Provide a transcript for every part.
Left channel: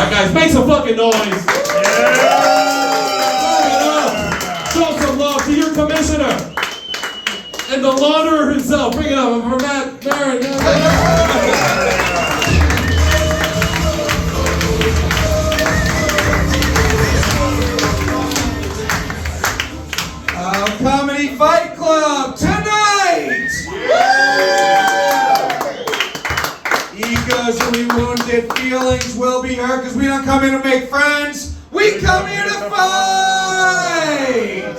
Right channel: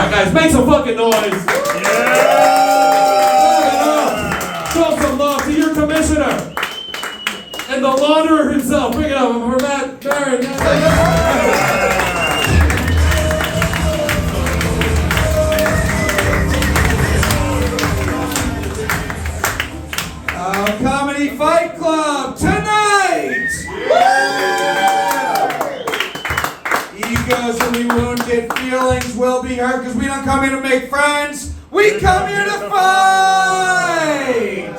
Alright guys, make some fucking noise. Show some love to your commissioner. And the launderer himself. Bring it up. Maran. Comedy Fight Club tonight! Egos will be wounded, feelings will be hurt, because we don't come here to make friends, we come here to fight!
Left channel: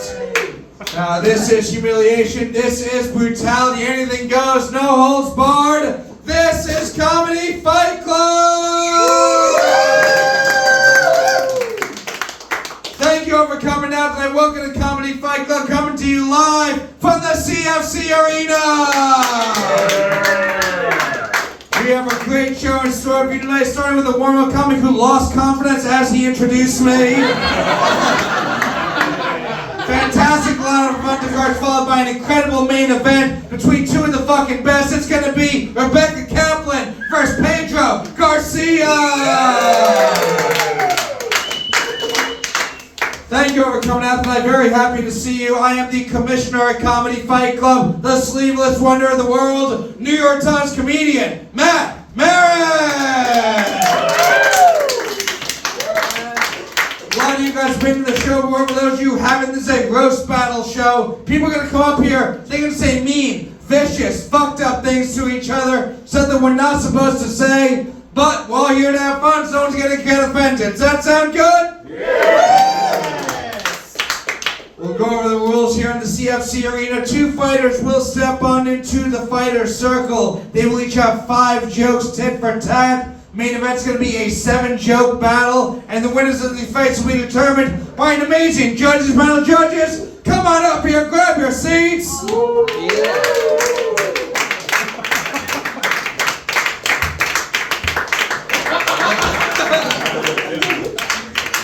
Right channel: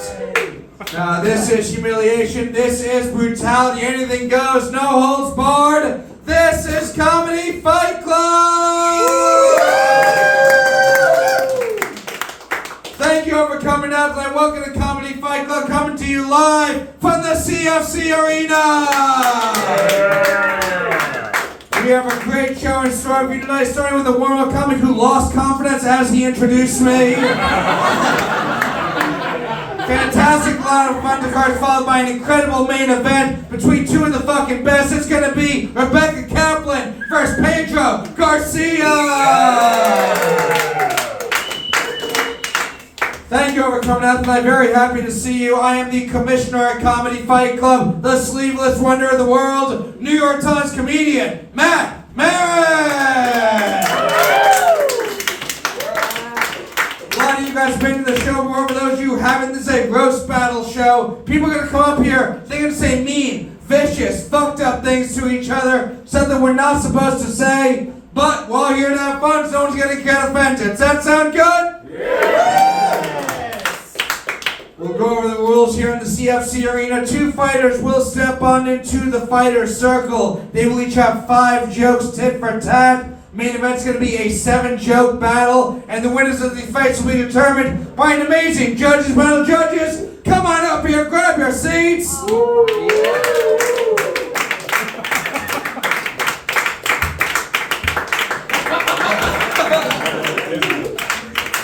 This is humiliation, this is brutality, anything goes, no holds barred. This is Comedy Fight Club! Thank you all for coming out tonight. Welcome to Comedy Fight Club, coming to you live from the CFC Arena. We have a great show in store for you tonight, starting with a warm-up comic who lost confidence as he introduced me. Fantastic lineup of undercards, followed by an incredible main event between two of the fucking best. It's going to be Rebeca Kaplan versus Pedro Garcia. Thank you all for coming out tonight. Very happy to see you. I am the commissioner at Comedy Fight Club, the sleeveless wonder of the world, New York Times comedian, Maran. A lot of you guys have been to the show before. For those of you who haven't, this is a roast battle show. People are going to come up here, they're going to say mean, vicious, fucked up things to each other, something we're not supposed to say, but we're all here to have fun, so no one's going to get offended. Does that sound good? We'll go over the rules here in the CFC Arena. Two fighters will step on into the fighter's circle. They will each have 5 jokes tit for tat. Main event's going to be a 7-joke battle, and the winners of the fights will be determined by an amazing judges panel. Judges, come on up here, grab your seats.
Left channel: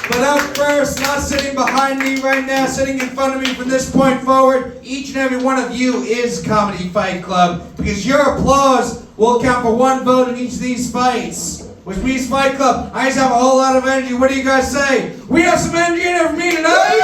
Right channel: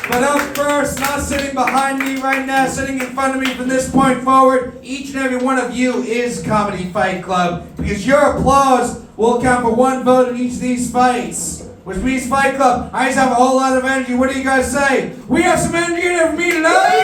But up first, not sitting behind me right now, sitting in front of me from this point forward, each and every one of you is Comedy Fight Club, because your applause will count for 1 vote in each of these fights. Which means Fight Club, I just have a whole lot of energy. What do you guys say? We have some energy in there for me tonight?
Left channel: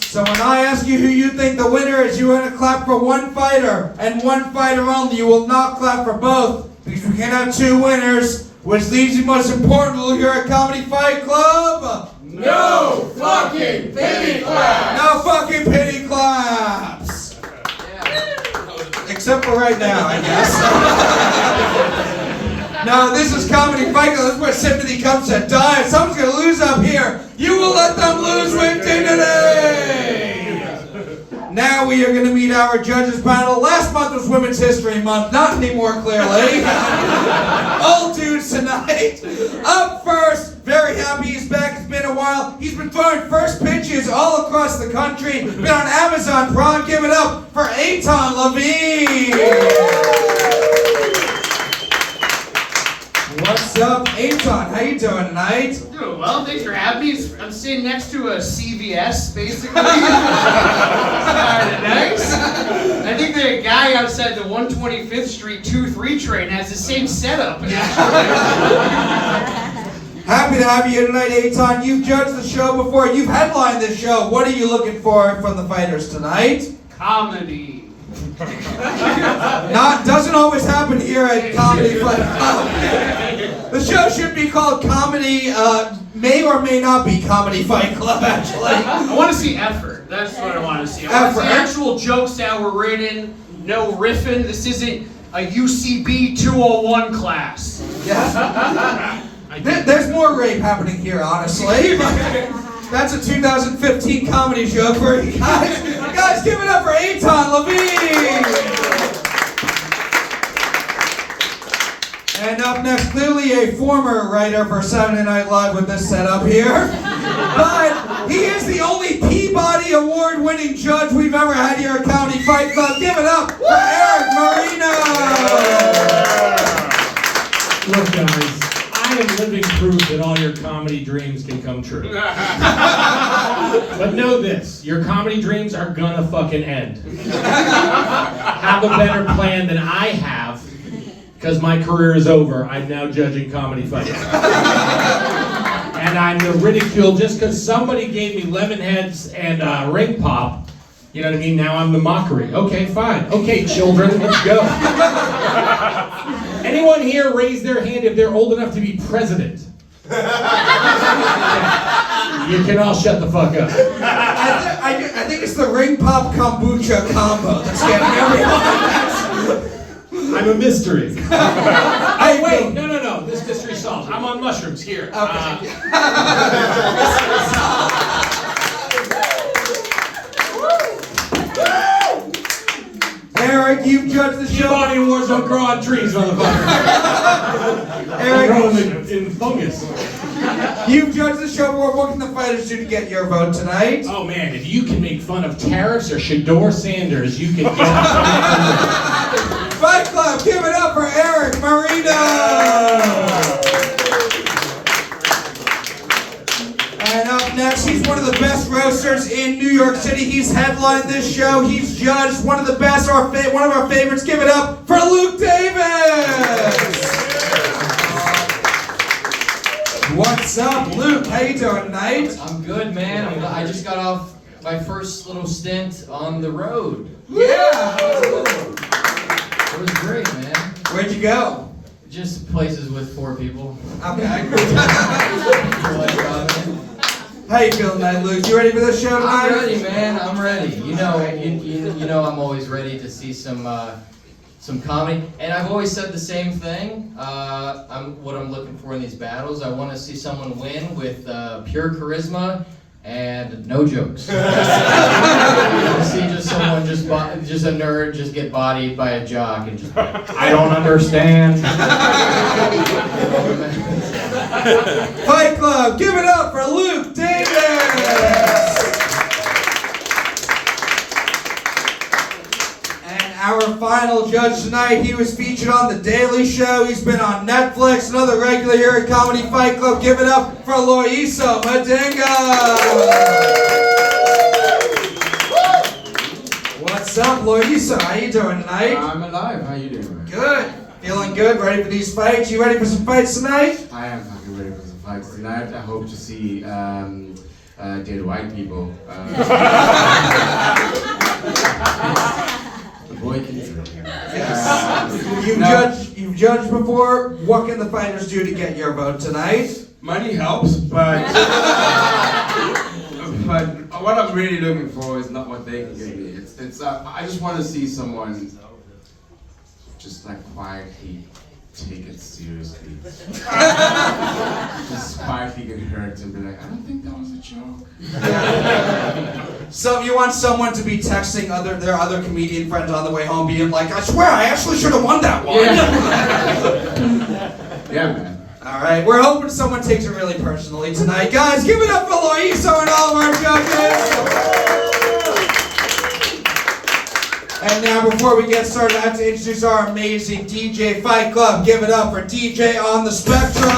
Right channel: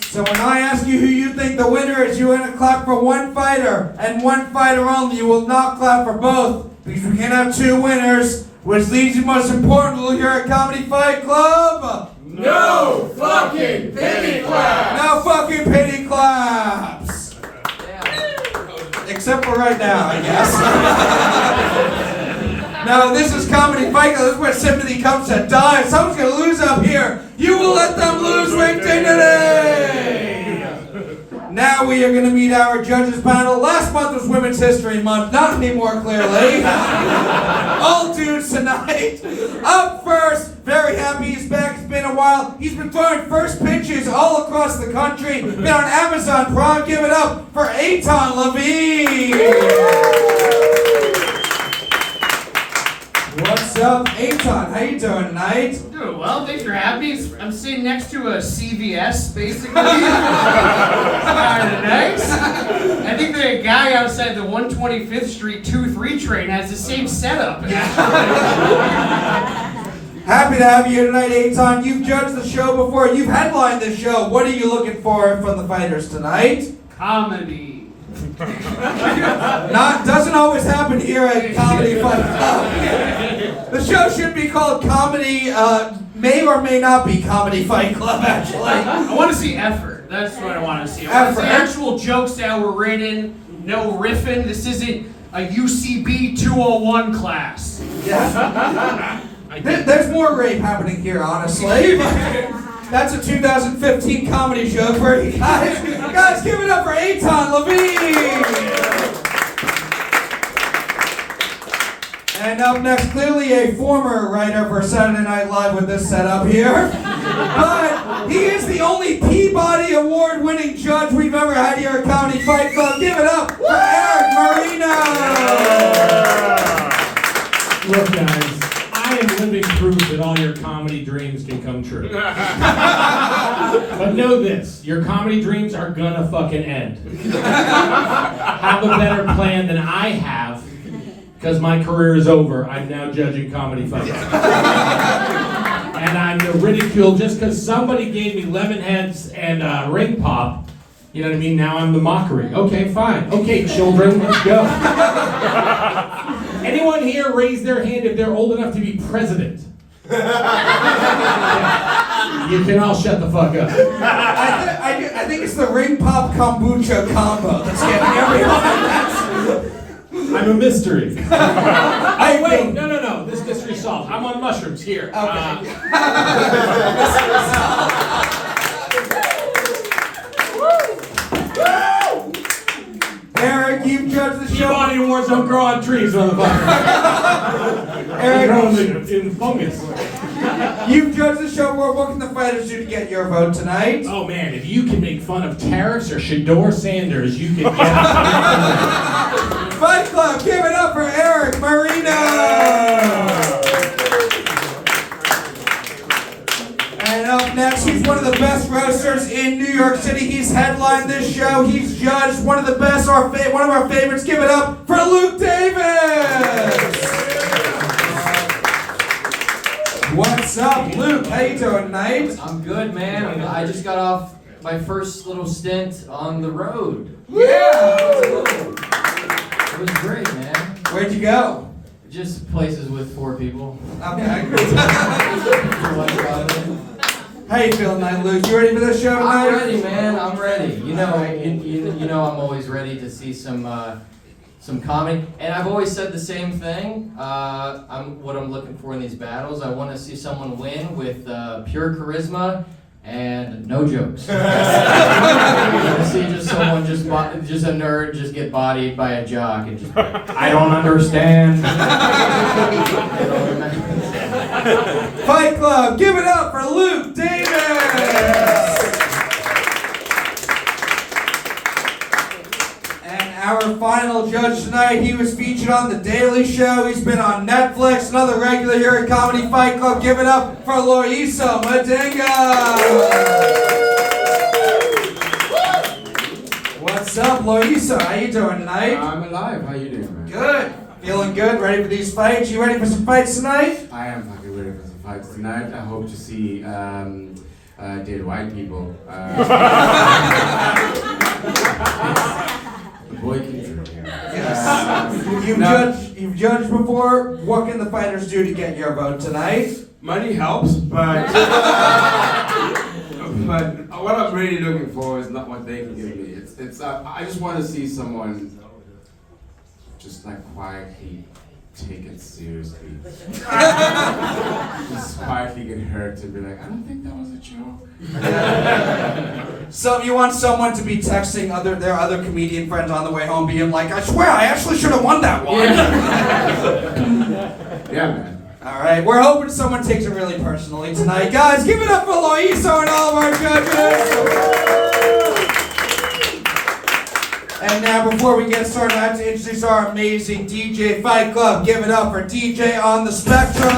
So when I ask you who you think the winner is, you're going to clap for one fighter, and one fighter only. You will not clap for both, because we can't have 2 winners, which leaves the most important rule here at Comedy Fight Club. No fucking pity claps! No fucking pity claps! Except for right now, I guess. Now, this is Comedy Fight Club. This is where sympathy comes to die. If someone's going to lose up here, you will let them lose with dignity! Now we are going to meet our judges panel. Last month was Women's History Month. Not anymore, clearly. All dudes tonight. Up first, very happy he's back. It's been a while. He's been throwing first pitches all across the country. Been on Amazon Prime. Give it up for Eitan, Levine. What's up, Eitan? How you doing tonight? Doing well, thanks for having me. I'm sitting next to a CVS, basically. Nice. I think the guy outside the 125th Street 2-3 train has the same setup. Happy to have you here tonight, Eitan. You've judged the show before. You've headlined this show. What are you looking for from the fighters tonight? Comedy. Doesn't always happen here at Comedy Fight Club. The show should be called Comedy, may or may not be Comedy Fight Club, actually. I want to see effort. That's what I want to see. I want to see actual jokes that were written, no riffing. This isn't a UCB 201 class. Yes. There's more rape happening here, honestly. That's a 2015 comedy show for you guys. Guys, give it up for Eitan, Levine! And up next, clearly a former writer for Saturday Night Live with this setup here. But he is the only Peabody Award-winning judge we've ever had here at Comedy Fight Club. Give it up for Erik, Marino! Look, guys, I am living proof that all your comedy dreams can come true. But know this, your comedy dreams are gonna fucking end. Have a better plan than I have because my career is over. I'm now judging comedy fights. And I'm the ridicule just because somebody gave me lemon heads and ring pop. You know what I mean? Now I'm the mockery. Okay, fine. Okay, children, let's go. Anyone here raise their hand if they're old enough to be president? You can all shut the fuck up. I think it's the ring pop kombucha combo that's getting everyone. I'm a mystery. Oh wait, no. This mystery solved. I'm on mushrooms here. Okay. Erik, you've judged the show. Body wars don't grow on trees, motherfucker. Erik, grow in fungus. You've judged the show. What can the fighters do to get your vote tonight? Oh man, if you can make fun of Terrace or Shador Sanders, you can get Fight Club, give it up for Erik Marino! And up next, he's one of the best roasters in New York City. He's headlined this show. He's judged one of the best, one of our favorites. Give it up for Luke Davis! What's up, Luke? How you doing tonight? I'm good, man. I just got off my first little stint on the road. Yeah! It was great, man. Where'd you go? Just places with 4 people. Okay. How you feeling tonight, Luke? You ready for this show tonight? I'm ready, man. I'm ready. You know, I'm always ready to see some comedy, and I've always said the same thing. What I'm looking for in these battles. I want to see someone win with pure charisma and no jokes. I want to see just someone just a nerd just get bodied by a jock and just I don't understand. Fight Club, give it up for Luke Davis! And our final judge tonight, he was featured on The Daily Show. He's been on Netflix, another regular here at Comedy Fight Club. Give it up for Loyiso Madinga! What's up, Loyiso? How you doing tonight? I'm alive. How you doing, man? Good. Feeling good? Ready for these fights? You ready for some fights tonight? I am fucking ready for some fights tonight. I hope to see dead white people. The boy keeps it. Yes. You've judged before. What can the fighters do to get your vote tonight? Money helps, but what I'm really looking for is not what they can give me. It's I just want to see someone just like quietly take it seriously. Just quietly get hurt and be like, I don't think that was a joke. So you want someone to be texting their other comedian friends on the way home, being like, I swear I actually should have won that one. Yeah, man. All right, we're hoping someone takes it really personally tonight. Guys, give it up for Loyiso and all of our judges. And now, before we get started, I have to introduce our amazing DJ Fight Club. Give it up for DJ on the Spectrum.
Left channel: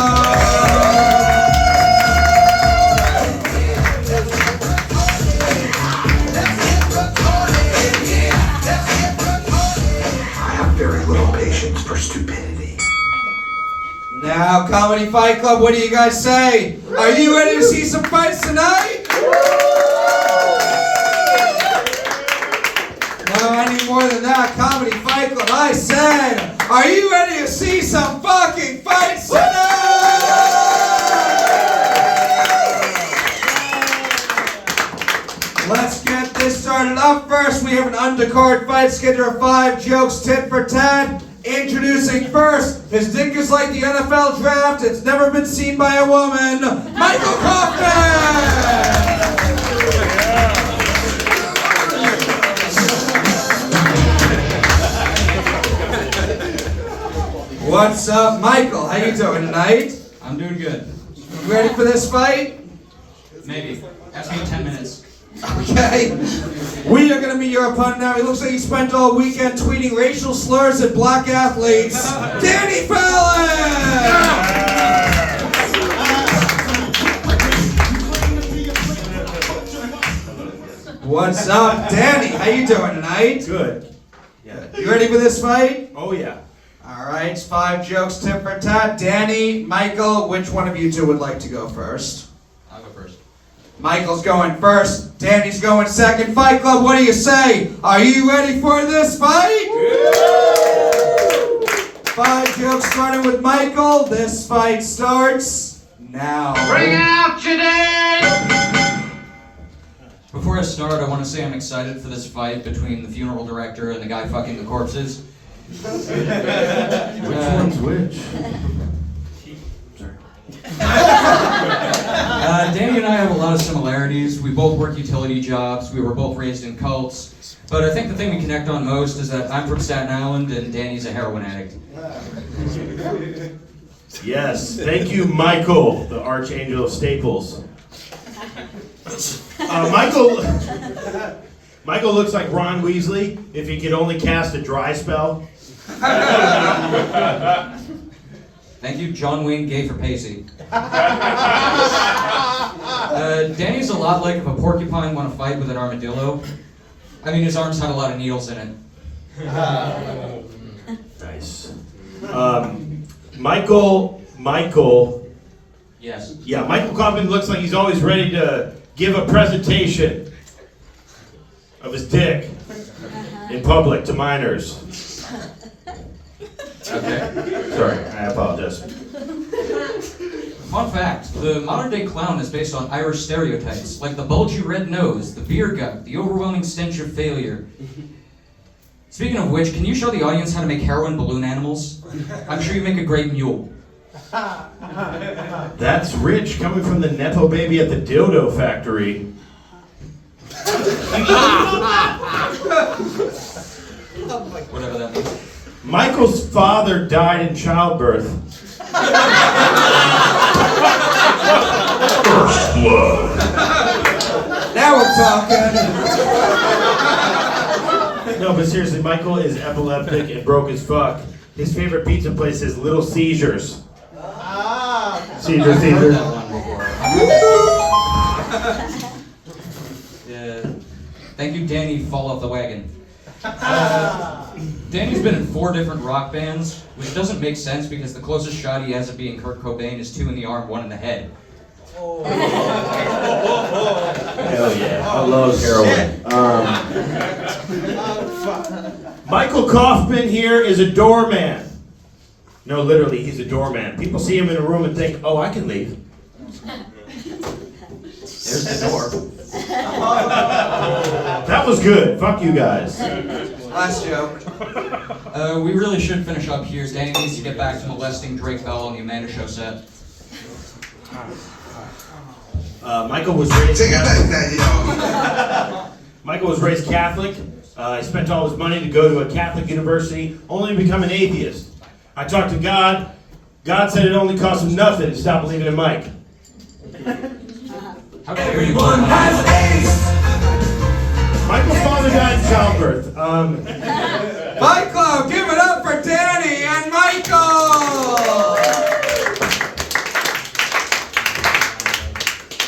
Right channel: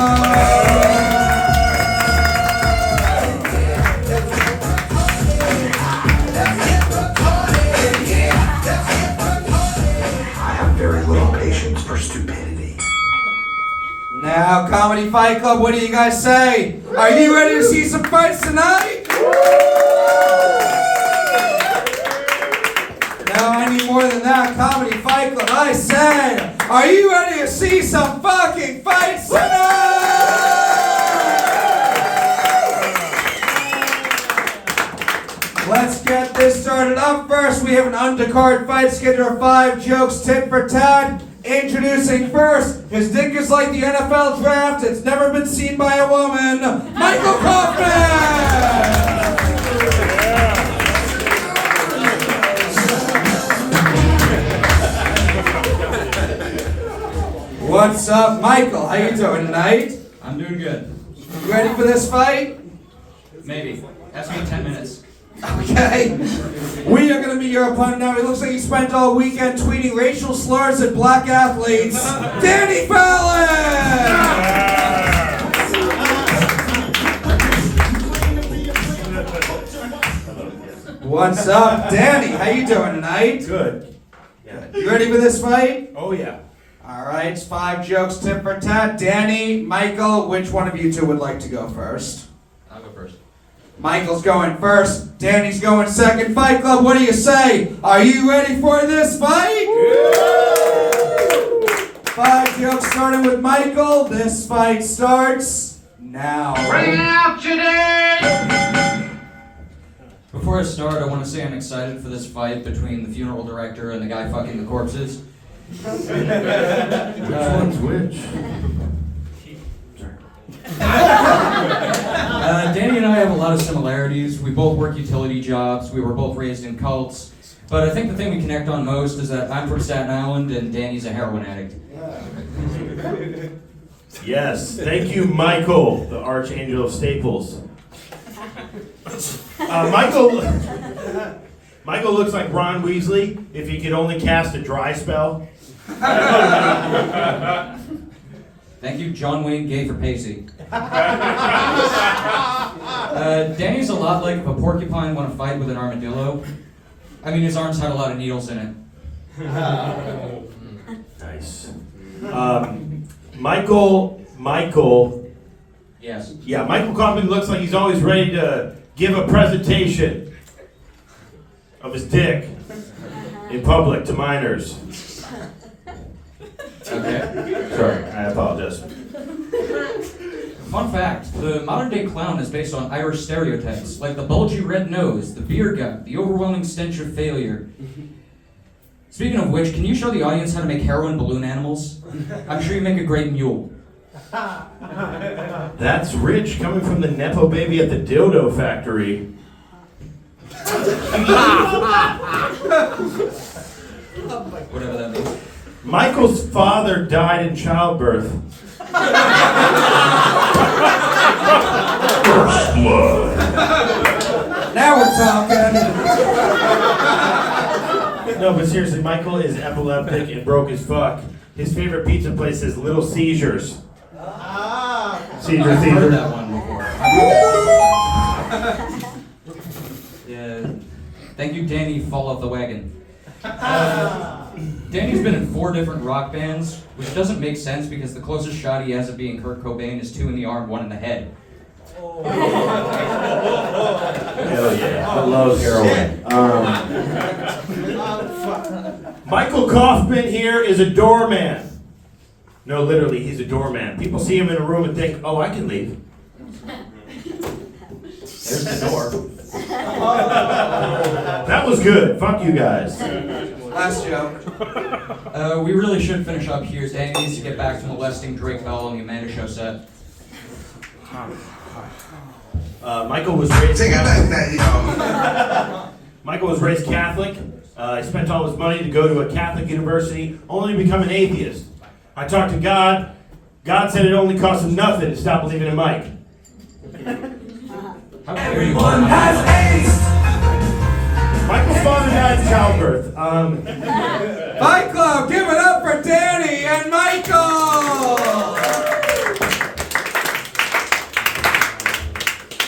I have very little patience for stupidity. Now, Comedy Fight Club, what do you guys say? Are you ready to see some fights tonight? No, I need more than that. Comedy Fight Club, I said, are you ready to see some fucking fights tonight? Let's get this started. Up first, we have an undercard fight schedule of 5 jokes, tit for tat. Introducing first, his dick is like the NFL draft, it's never been seen by a woman, Michael Kaufman! What's up, Michael? How you doing tonight? I'm doing good. You ready for this fight? Maybe. Have to go 10 minutes. Okay. We are going to meet your opponent now. He looks like he spent all weekend tweeting racial slurs at black athletes. Danny Fallon! What's up, Danny? How you doing tonight? Good. You ready for this fight? Oh yeah. All right, it's 5 jokes, tit for tat. Danny, Michael, which one of you two would like to go first? I'll go first. Michael's going first. Danny's going second. Fight Club, what do you say? Are you ready for this fight? Yeah. 5 jokes starting with Michael. This fight starts now. Bring out today! Before I start, I want to say I'm excited for this fight between the funeral director and the guy fucking the corpses. Which one's which? Danny and I have a lot of similarities. We both work utility jobs. We were both raised in cults. But I think the thing we connect on most is that I'm from Staten Island and Danny's a heroin addict. Yes, thank you, Michael, the Archangel of Staples. Michael looks like Ron Weasley if he could only cast a dry spell. Thank you, John Wayne Gay for Pacey. Danny's a lot like if a porcupine won a fight with an armadillo. I mean, his arms have a lot of needles in it. Nice. Michael. Yes. Yeah, Michael Kaufman looks like he's always ready to give a presentation of his dick in public to minors. Okay. Sorry, I apologize. Fun fact, the modern day clown is based on Irish stereotypes, like the bulgy red nose, the beer gut, the overwhelming stench of failure. Speaking of which, can you show the audience how to make heroin balloon animals? I'm sure you make a great mule. That's rich coming from the Nepo baby at the dildo factory. Whatever that means. Michael's father died in childbirth. First blood. Now we're talking. No, but seriously, Michael is epileptic and broke as fuck. His favorite pizza place is Little Seizures. I've heard that one before. Yeah. Thank you, Danny, fall off the wagon. Danny's been in 4 different rock bands, which doesn't make sense because the closest shot he has of being Kurt Cobain is 2 in the arm, 1 in the head. Hell yeah, I love heroin. Michael Kaufman here is a doorman. No, literally, he's a doorman. People see him in a room and think, oh, I can leave. There's the door. That was good. Fuck you guys. Last joke. We really should finish up here. Danny needs to get back to molesting Drake Bell on the Amanda Show set. Michael was raised Michael was raised Catholic. He spent all his money to go to a Catholic university, only to become an atheist. I talked to God. God said it only cost him nothing to stop believing in Mike. Everyone has AIDS. Michael's father died in childbirth. Fight Club, give it up for Danny and Michael!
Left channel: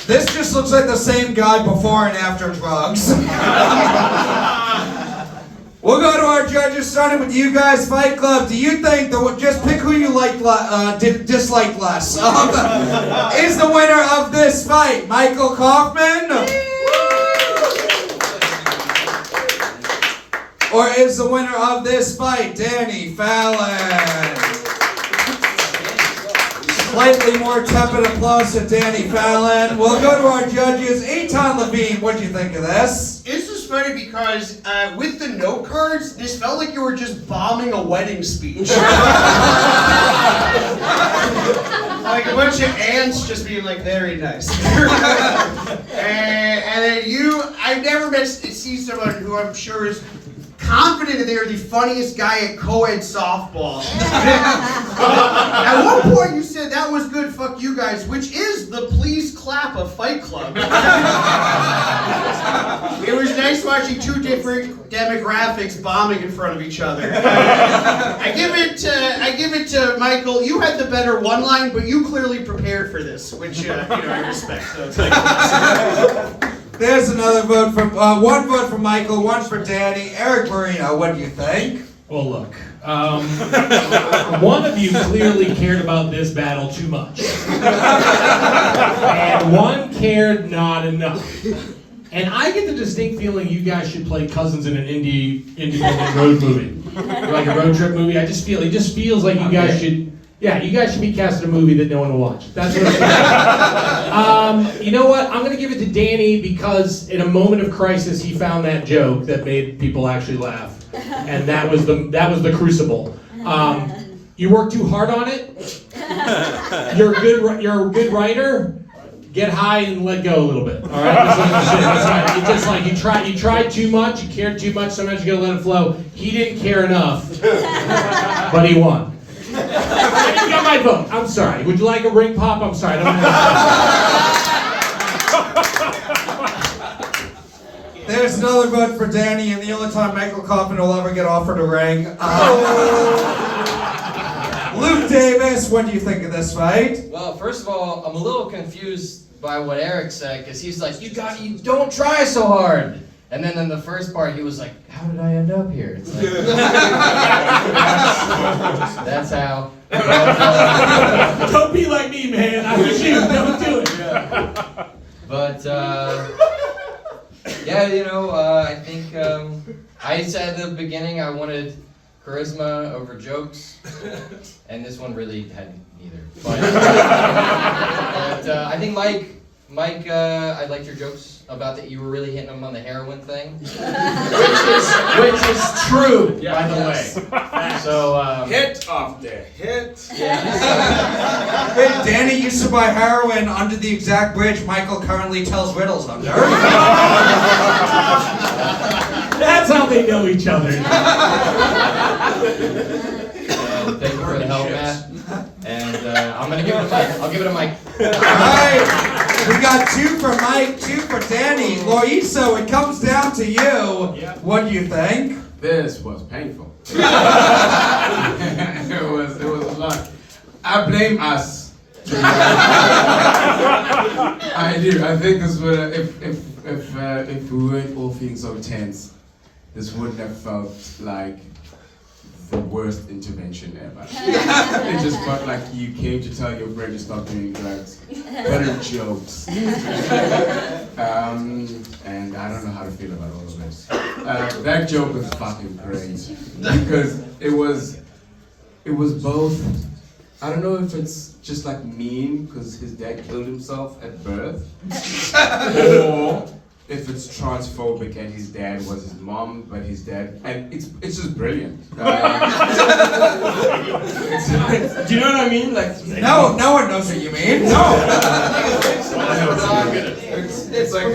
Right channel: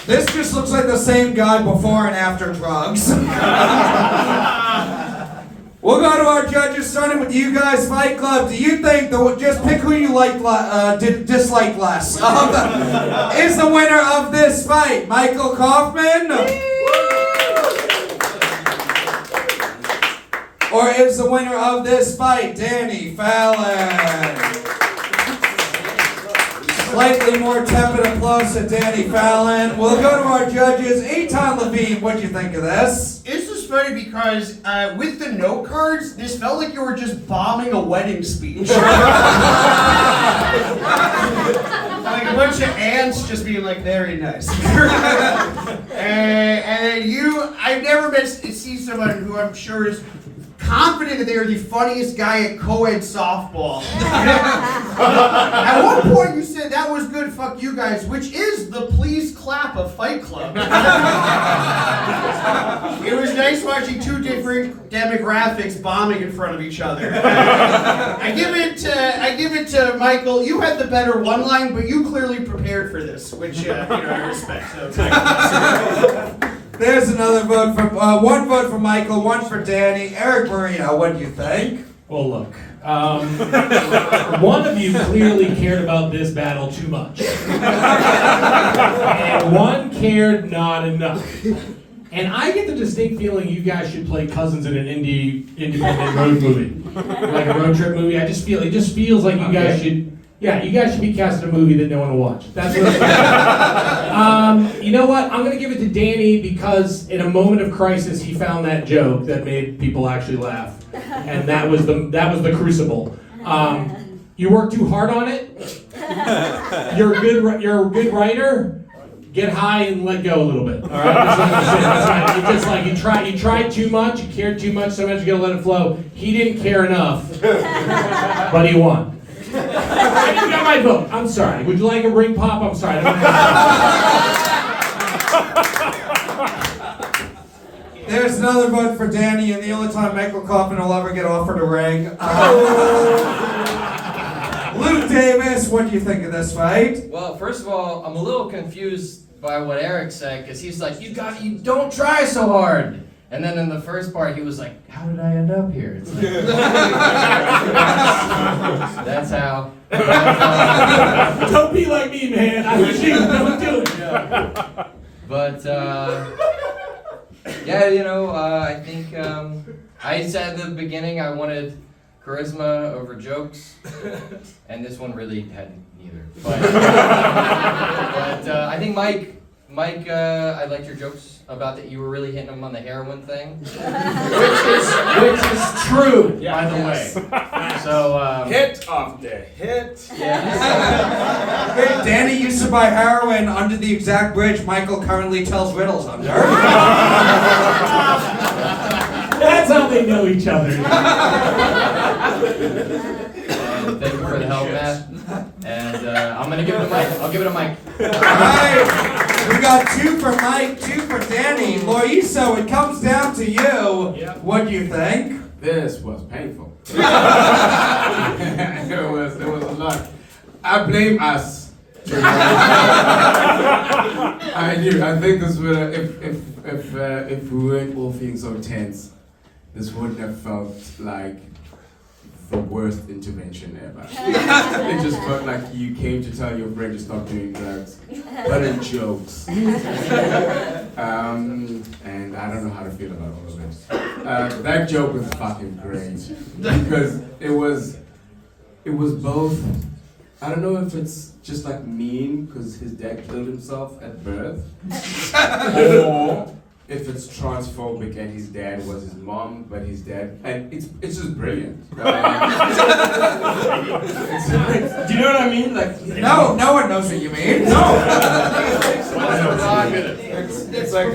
This just looks like the same guy before and after drugs. We'll go to our judges, starting with you guys. Fight Club, do you think, just pick who you dislike less, is the winner of this fight Michael Kaufman? Or is the winner of this fight Danny Fallon? Slightly more tepid applause to Danny Fallon. We'll go to our judges. Eitan Levine, what'd you think of this? This is funny because with the note cards, this felt like you were just bombing a wedding speech. Like a bunch of ants just being like, very nice. And then I've never see someone who I'm sure is confident that they are the funniest guy at co-ed softball. At one point you said that was good, fuck you guys, which is the please clap of Fight Club. It was nice watching 2 different demographics bombing in front of each other. I give it to Michael. You had the better one line, but you clearly prepared for this, which I respect. So There's another vote for one vote for Michael, 1 for Danny. Erik Marino, what do you think? Well, look, one of you clearly cared about this battle too much. And one cared not enough. And I get the distinct feeling you guys should play cousins in an independent road movie. Like a road trip movie. It just feels like you guys should be cast in a movie that no one will watch. That's what I'm saying. You know what? I'm going to give it to Danny because in a moment of crisis, he found that joke that made people actually laugh. And that was the crucible. You work too hard on it. You're a good writer. Get high and let go a little bit. All right. It's just like you tried too much. You cared too much. Sometimes you gotta let it flow. He didn't care enough, but he won. You got my vote. I'm sorry. Would you like a ring pop? I'm sorry. I don't have There's another vote for Danny, and the only time Michael Kaufman will ever get offered a ring. Luke Davis, what do you think of this fight? Well, first of all, I'm a little confused by what Erik said, because he's like, you don't try so hard. And then in the first part, he was like, how did I end up here? It's like, that's how. Don't be like me, man. I wish you don't do it. Yeah. But, I think I said at the beginning I wanted charisma over jokes, and this one really had neither. But I think Mike, I liked your jokes about that you were really hitting him on the heroin thing, which is true, by the way. So Hit off the hit. yeah. Hey, Danny used to buy heroin under the exact bridge Michael currently tells riddles under. That's how they know each other. Thank you for the help, Matt. And I'm gonna give it to Mike. I'll give it to Mike. Alright, we got 2 for Mike, 2 for Danny. Loyiso, it comes down to you. Yep. What do you think? This was painful. It was a lot. I blame us. I do. I think this would if we weren't all feeling so tense, this wouldn't have felt like the worst intervention ever. It just felt like you came to tell your friend to stop doing drugs, but in jokes. And I don't know how to feel about all of this. That joke was fucking great because it was both. I don't know if it's just like mean because his dad killed himself at birth, or if it's transphobic and his dad was his mom, but his dad, and it's just brilliant. Do you know what I mean? Like No one knows what you mean. it's like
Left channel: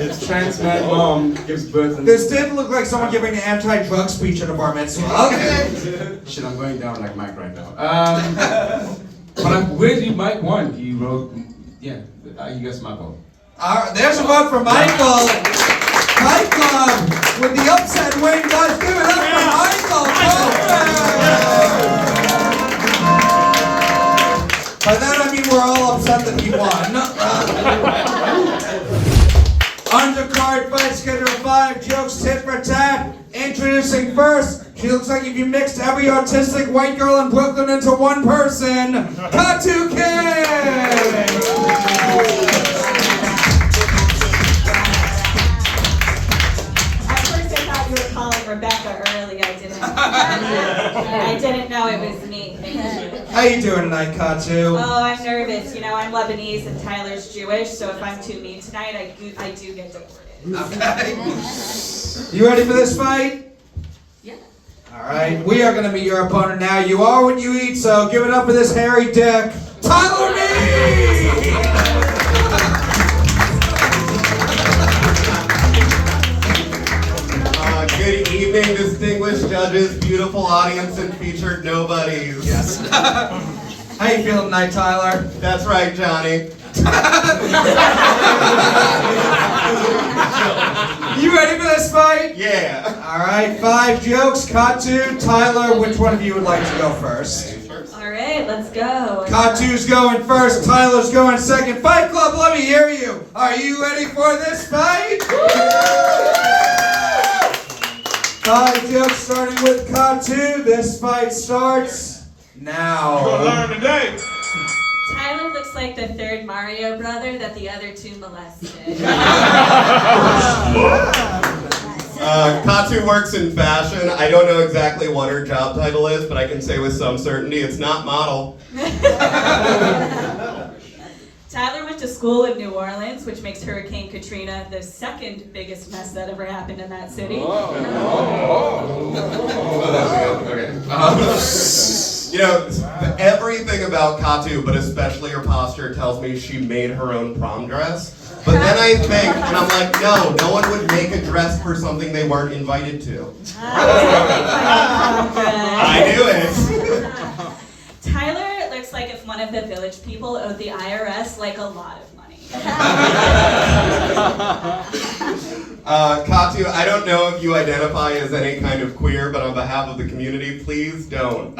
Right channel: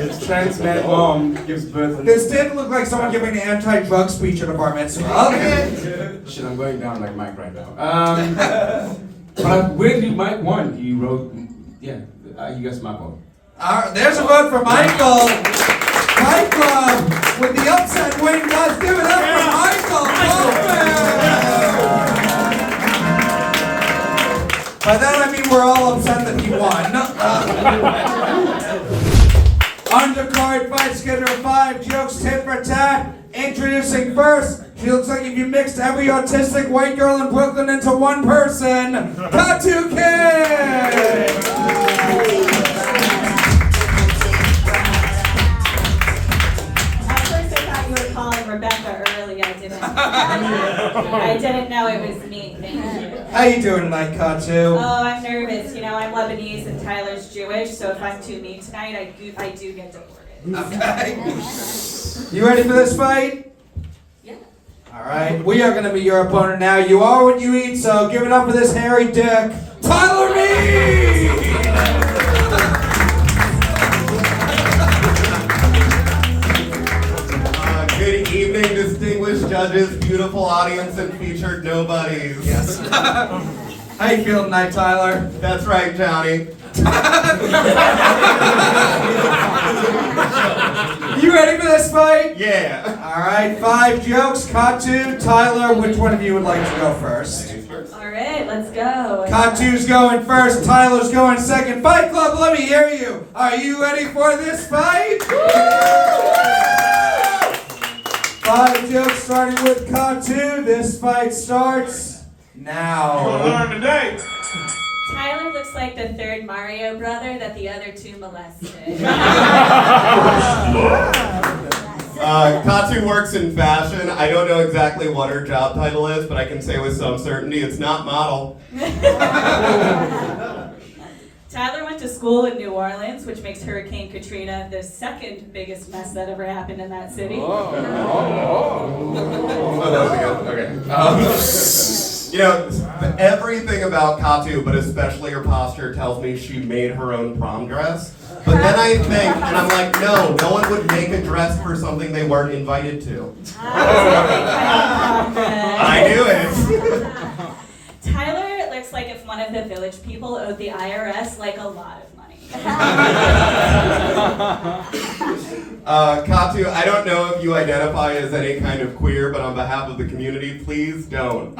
his trans man mom gives birth. This did look like someone giving an anti-drug speech at a bar mitzvah. Shit, I'm going down like Mike right now. But weirdly, Mike won. He wrote, you guys my vote. There's a vote for Michael. Michael, with the upset win, guys, give it up for Michael. By that I mean we're all upset that he won. Undercard fight schedule 5, jokes tit for tat. Introducing first, she looks like if you mixed every autistic white girl in Brooklyn into one person, Katu King! Calling Rebeca early, I didn't know it was me. How you doing tonight, Katu? Oh, I'm nervous. I'm Lebanese and Tyler's Jewish, so if I'm too mean tonight, I do get deported. Okay. You ready for this fight? Yeah. Alright, we are going to be your opponent now. You are what you eat, so give it up for this hairy dick, Tyler Mead! Good evening, distinguished judges, beautiful audience, and featured nobodies. Yes. How you feeling tonight, Tyler? That's right, Johnny. You ready for this fight? Yeah. Alright, 5 jokes. Katu, Tyler, which one of you would like to go first? All right, let's go. Katu's going first, Tyler's going second. Fight Club, let me hear you. Are you ready for this fight? 5 jokes starting with Katu. This fight starts now. today. Tyler looks like the third Mario brother that the other two molested. Katu works in fashion. I don't know exactly what her job title is, but I can say with some certainty it's not model. Tyler went to school in New Orleans, which makes Hurricane Katrina the second biggest mess that ever happened in that city. Oh, that was good. Okay. You know, everything about Katu, but especially her posture, tells me she made her own prom dress. But then I think, and I'm like, no one would make a dress for something they weren't invited to. I knew it. Tyler looks like if one of the village people owed the IRS like a lot of money. Katu, I don't know if you identify as any kind of queer, but on behalf of the community, please don't.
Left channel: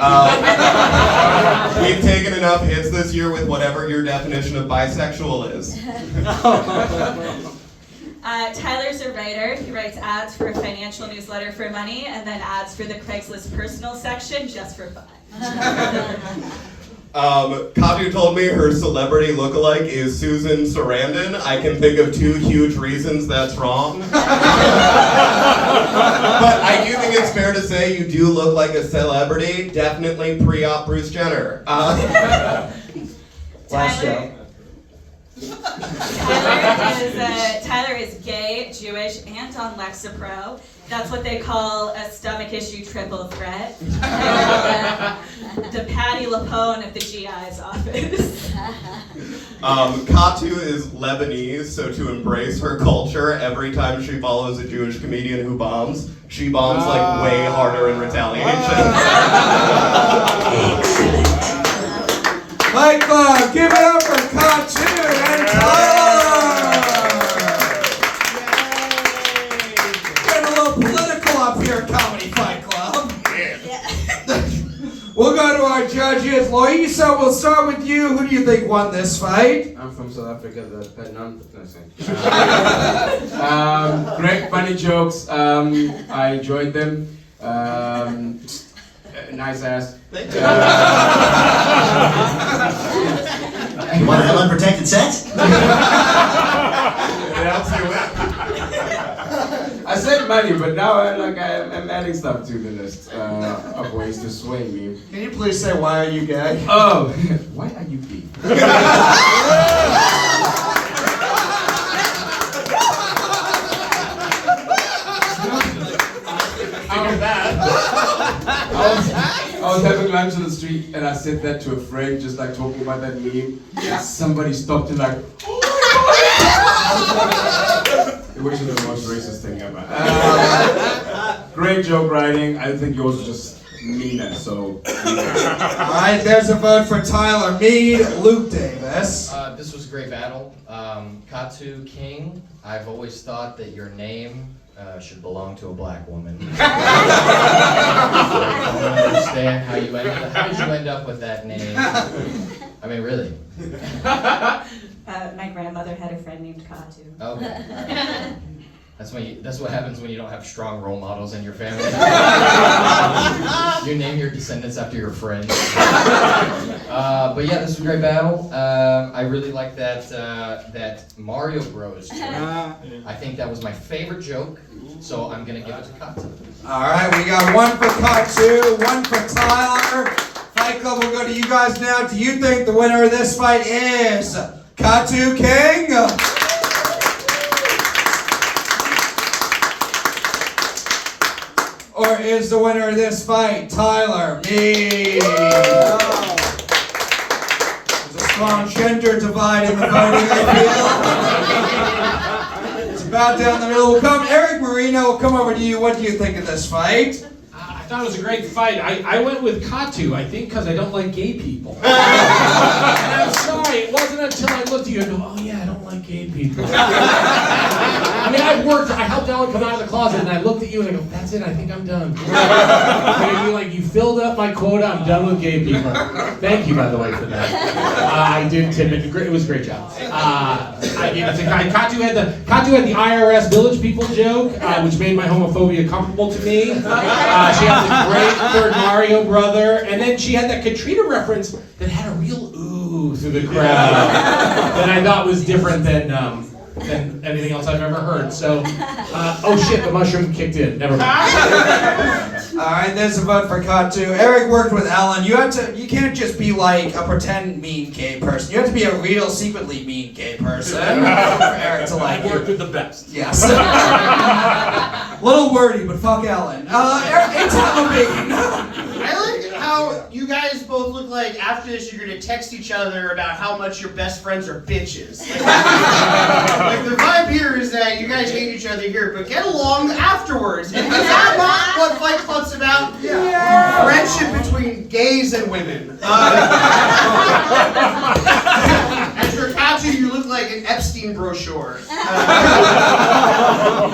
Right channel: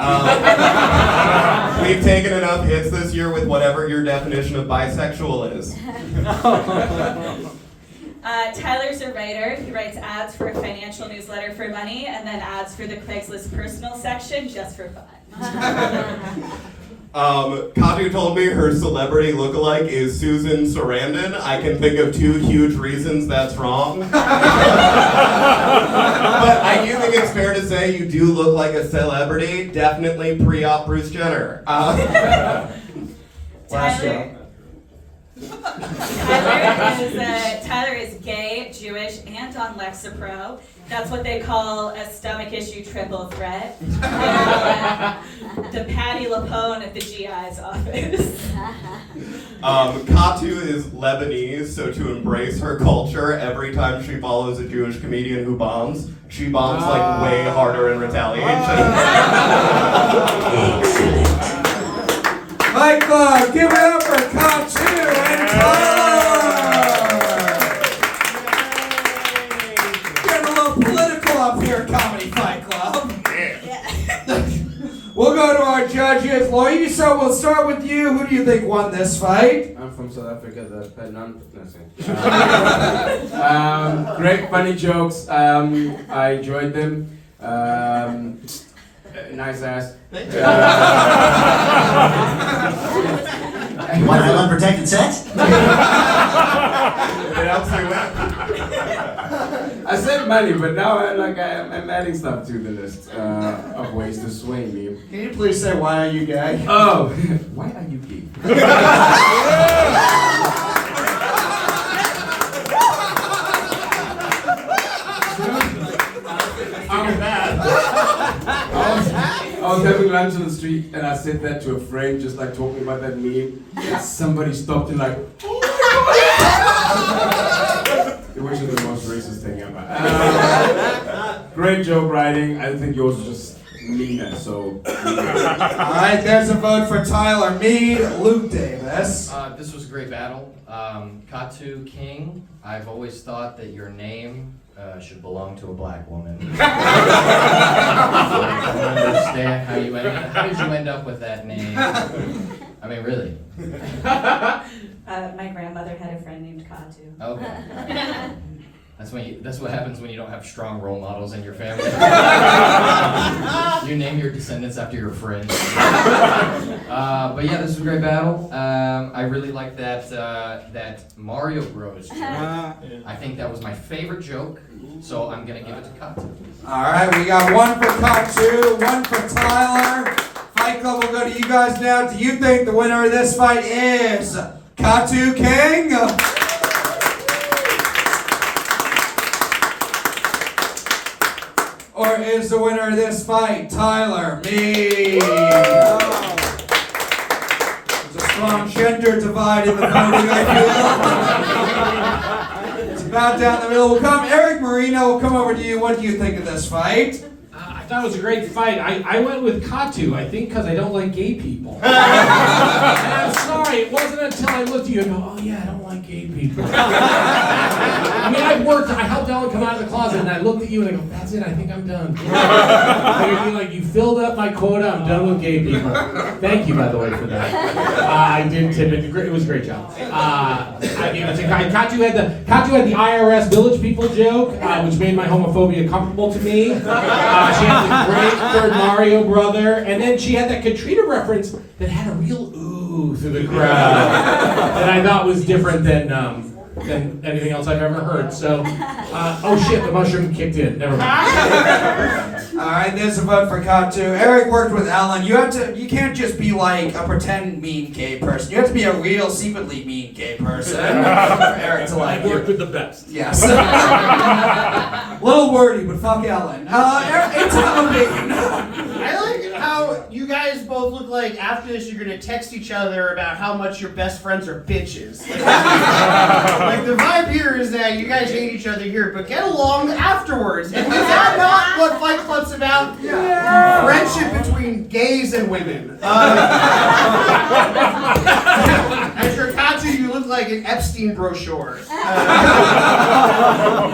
We've taken enough hits this year with whatever your definition of bisexual is. Tyler's a writer. He writes ads for a financial newsletter for money and then ads for the Craigslist personal section just for fun. Katu told me her celebrity lookalike is Susan Sarandon. I can think of 2 huge reasons that's wrong. But I do think it's fair to say you do look like a celebrity. Definitely pre-op Bruce Jenner. Tyler is gay, Jewish, and on Lexapro. That's what they call a stomach issue triple threat. The Patty LaPone of the GI's office. Katu is Lebanese, so to embrace her culture, every time she follows a Jewish comedian who bombs, she bombs like way harder in retaliation. Michael, give it up for Katu and Tyler! Getting a little political up here at Comedy Fight Club. We'll go to our judges. Loyiso, we'll start with you. Who do you think won this fight? I'm from South Africa, the Penang. Great funny jokes. I enjoyed them. Nice ass. Thank you. You want to have unprotected sex? I said money, but now I'm adding stuff to the list of ways to swing me. Can you please say, why are you gay? Oh, why are you gay? I was having lunch on the street and I said that to a friend, just like talking about that meme. Yeah. Somebody stopped and like, which is the most racist thing ever. Great joke writing. I think yours was just meaner, so. Alright, there's a vote for Tyler. Mead, Luke Davis. This was a great battle. Katu King, I've always thought that your name should belong to a black woman. I don't understand how did you end up with that name? I mean, really. My grandmother had a friend named Katu. Okay. That's what happens when you don't have strong role models in your family. You name your descendants after your friends. But yeah, this was a great battle. I really like that Mario Bros joke. I think that was my favorite joke, so I'm gonna give it to Katu. Alright, we got one for Katu, one for Tyler. Fight Club, we'll go to you guys now. Do you think the winner of this fight is Katu King? Or is the winner of this fight Tyler? Me. There's a strong gender divide in the voting, I feel. It's about down the middle. We'll come, Erik Marino, we'll come over to you. What do you think of this fight? I thought it was a great fight. I went with Katu, I think, because I don't like gay people. And I'm sorry, it wasn't until I looked at you and go, oh yeah, I don't like gay people. I mean, I helped saw Dylan come out of the closet, and I looked at you and I go, that's it, I think I'm done. You're like, you filled up my quota, I'm done with gay people. Thank you, by the way, for that. I did tip it. It was a great job. I gave it to Katu had the IRS village people joke, which made my homophobia comfortable to me. She had the great third Mario brother, and then she had that Katrina reference that had a real ooh through the crowd that I thought was different than anything else I've ever heard. So, oh shit, the mushroom kicked in. Never mind. All right, there's a vote for Kattoo. Eric worked with Ellen. You can't just be like a pretend mean gay person. You have to be a real, secretly mean gay person for Eric to like. I've worked with the best. Yes. Little wordy, but fuck Ellen. Eric, Eitan Levine. I like how you guys both look like after this you're gonna text each other about how much your best friends are bitches. Like the vibe here is that you guys hate each other here, but get along afterwards. And is that not what Fight Club's about? Yeah. Friendship between gays and women. As for Katu, you look like an Epstein brochure.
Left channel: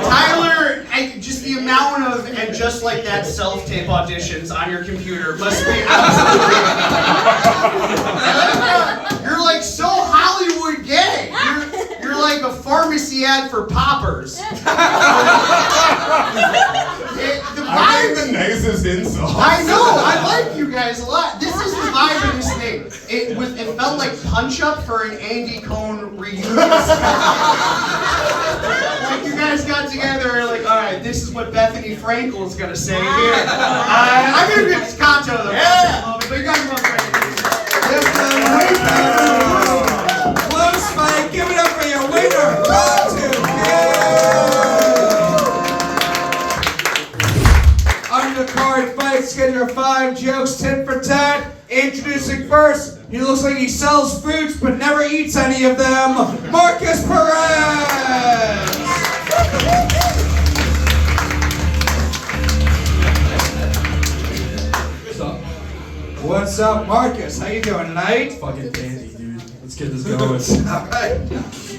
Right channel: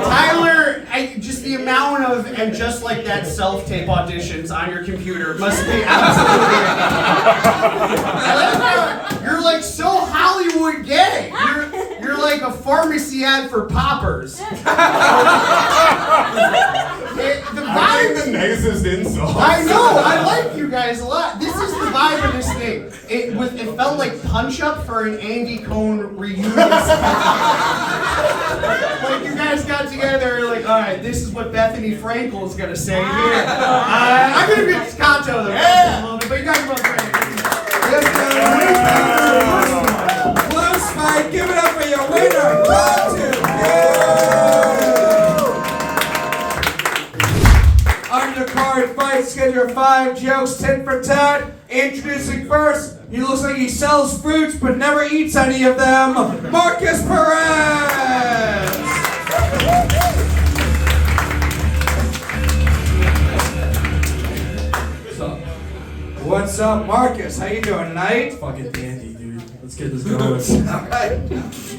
Tyler, just the amount of and just like that self-tape auditions on your computer must be absolutely. I like how you're like so Hollywood gay. You're like a pharmacy ad for poppers. The vibe the nicest insult. I know. I like you guys a lot. This is the vibe of this thing. It felt like punch up for an Andy Cohen reunion. Like you guys got together and like, all right, this is what Bethany Frankel is gonna say here. I'm gonna be Kattoo though. Yeah. But you guys both great. Close fight. Give it up for your winner, Kattoo. Undercard fight, schedule 5 jokes, tit for tat. Introducing first, he looks like he sells fruits but never eats any of them, Markus Perez. What's up, Markus? How you doing tonight? Fucking dandy, dude. Let's get this going. All right.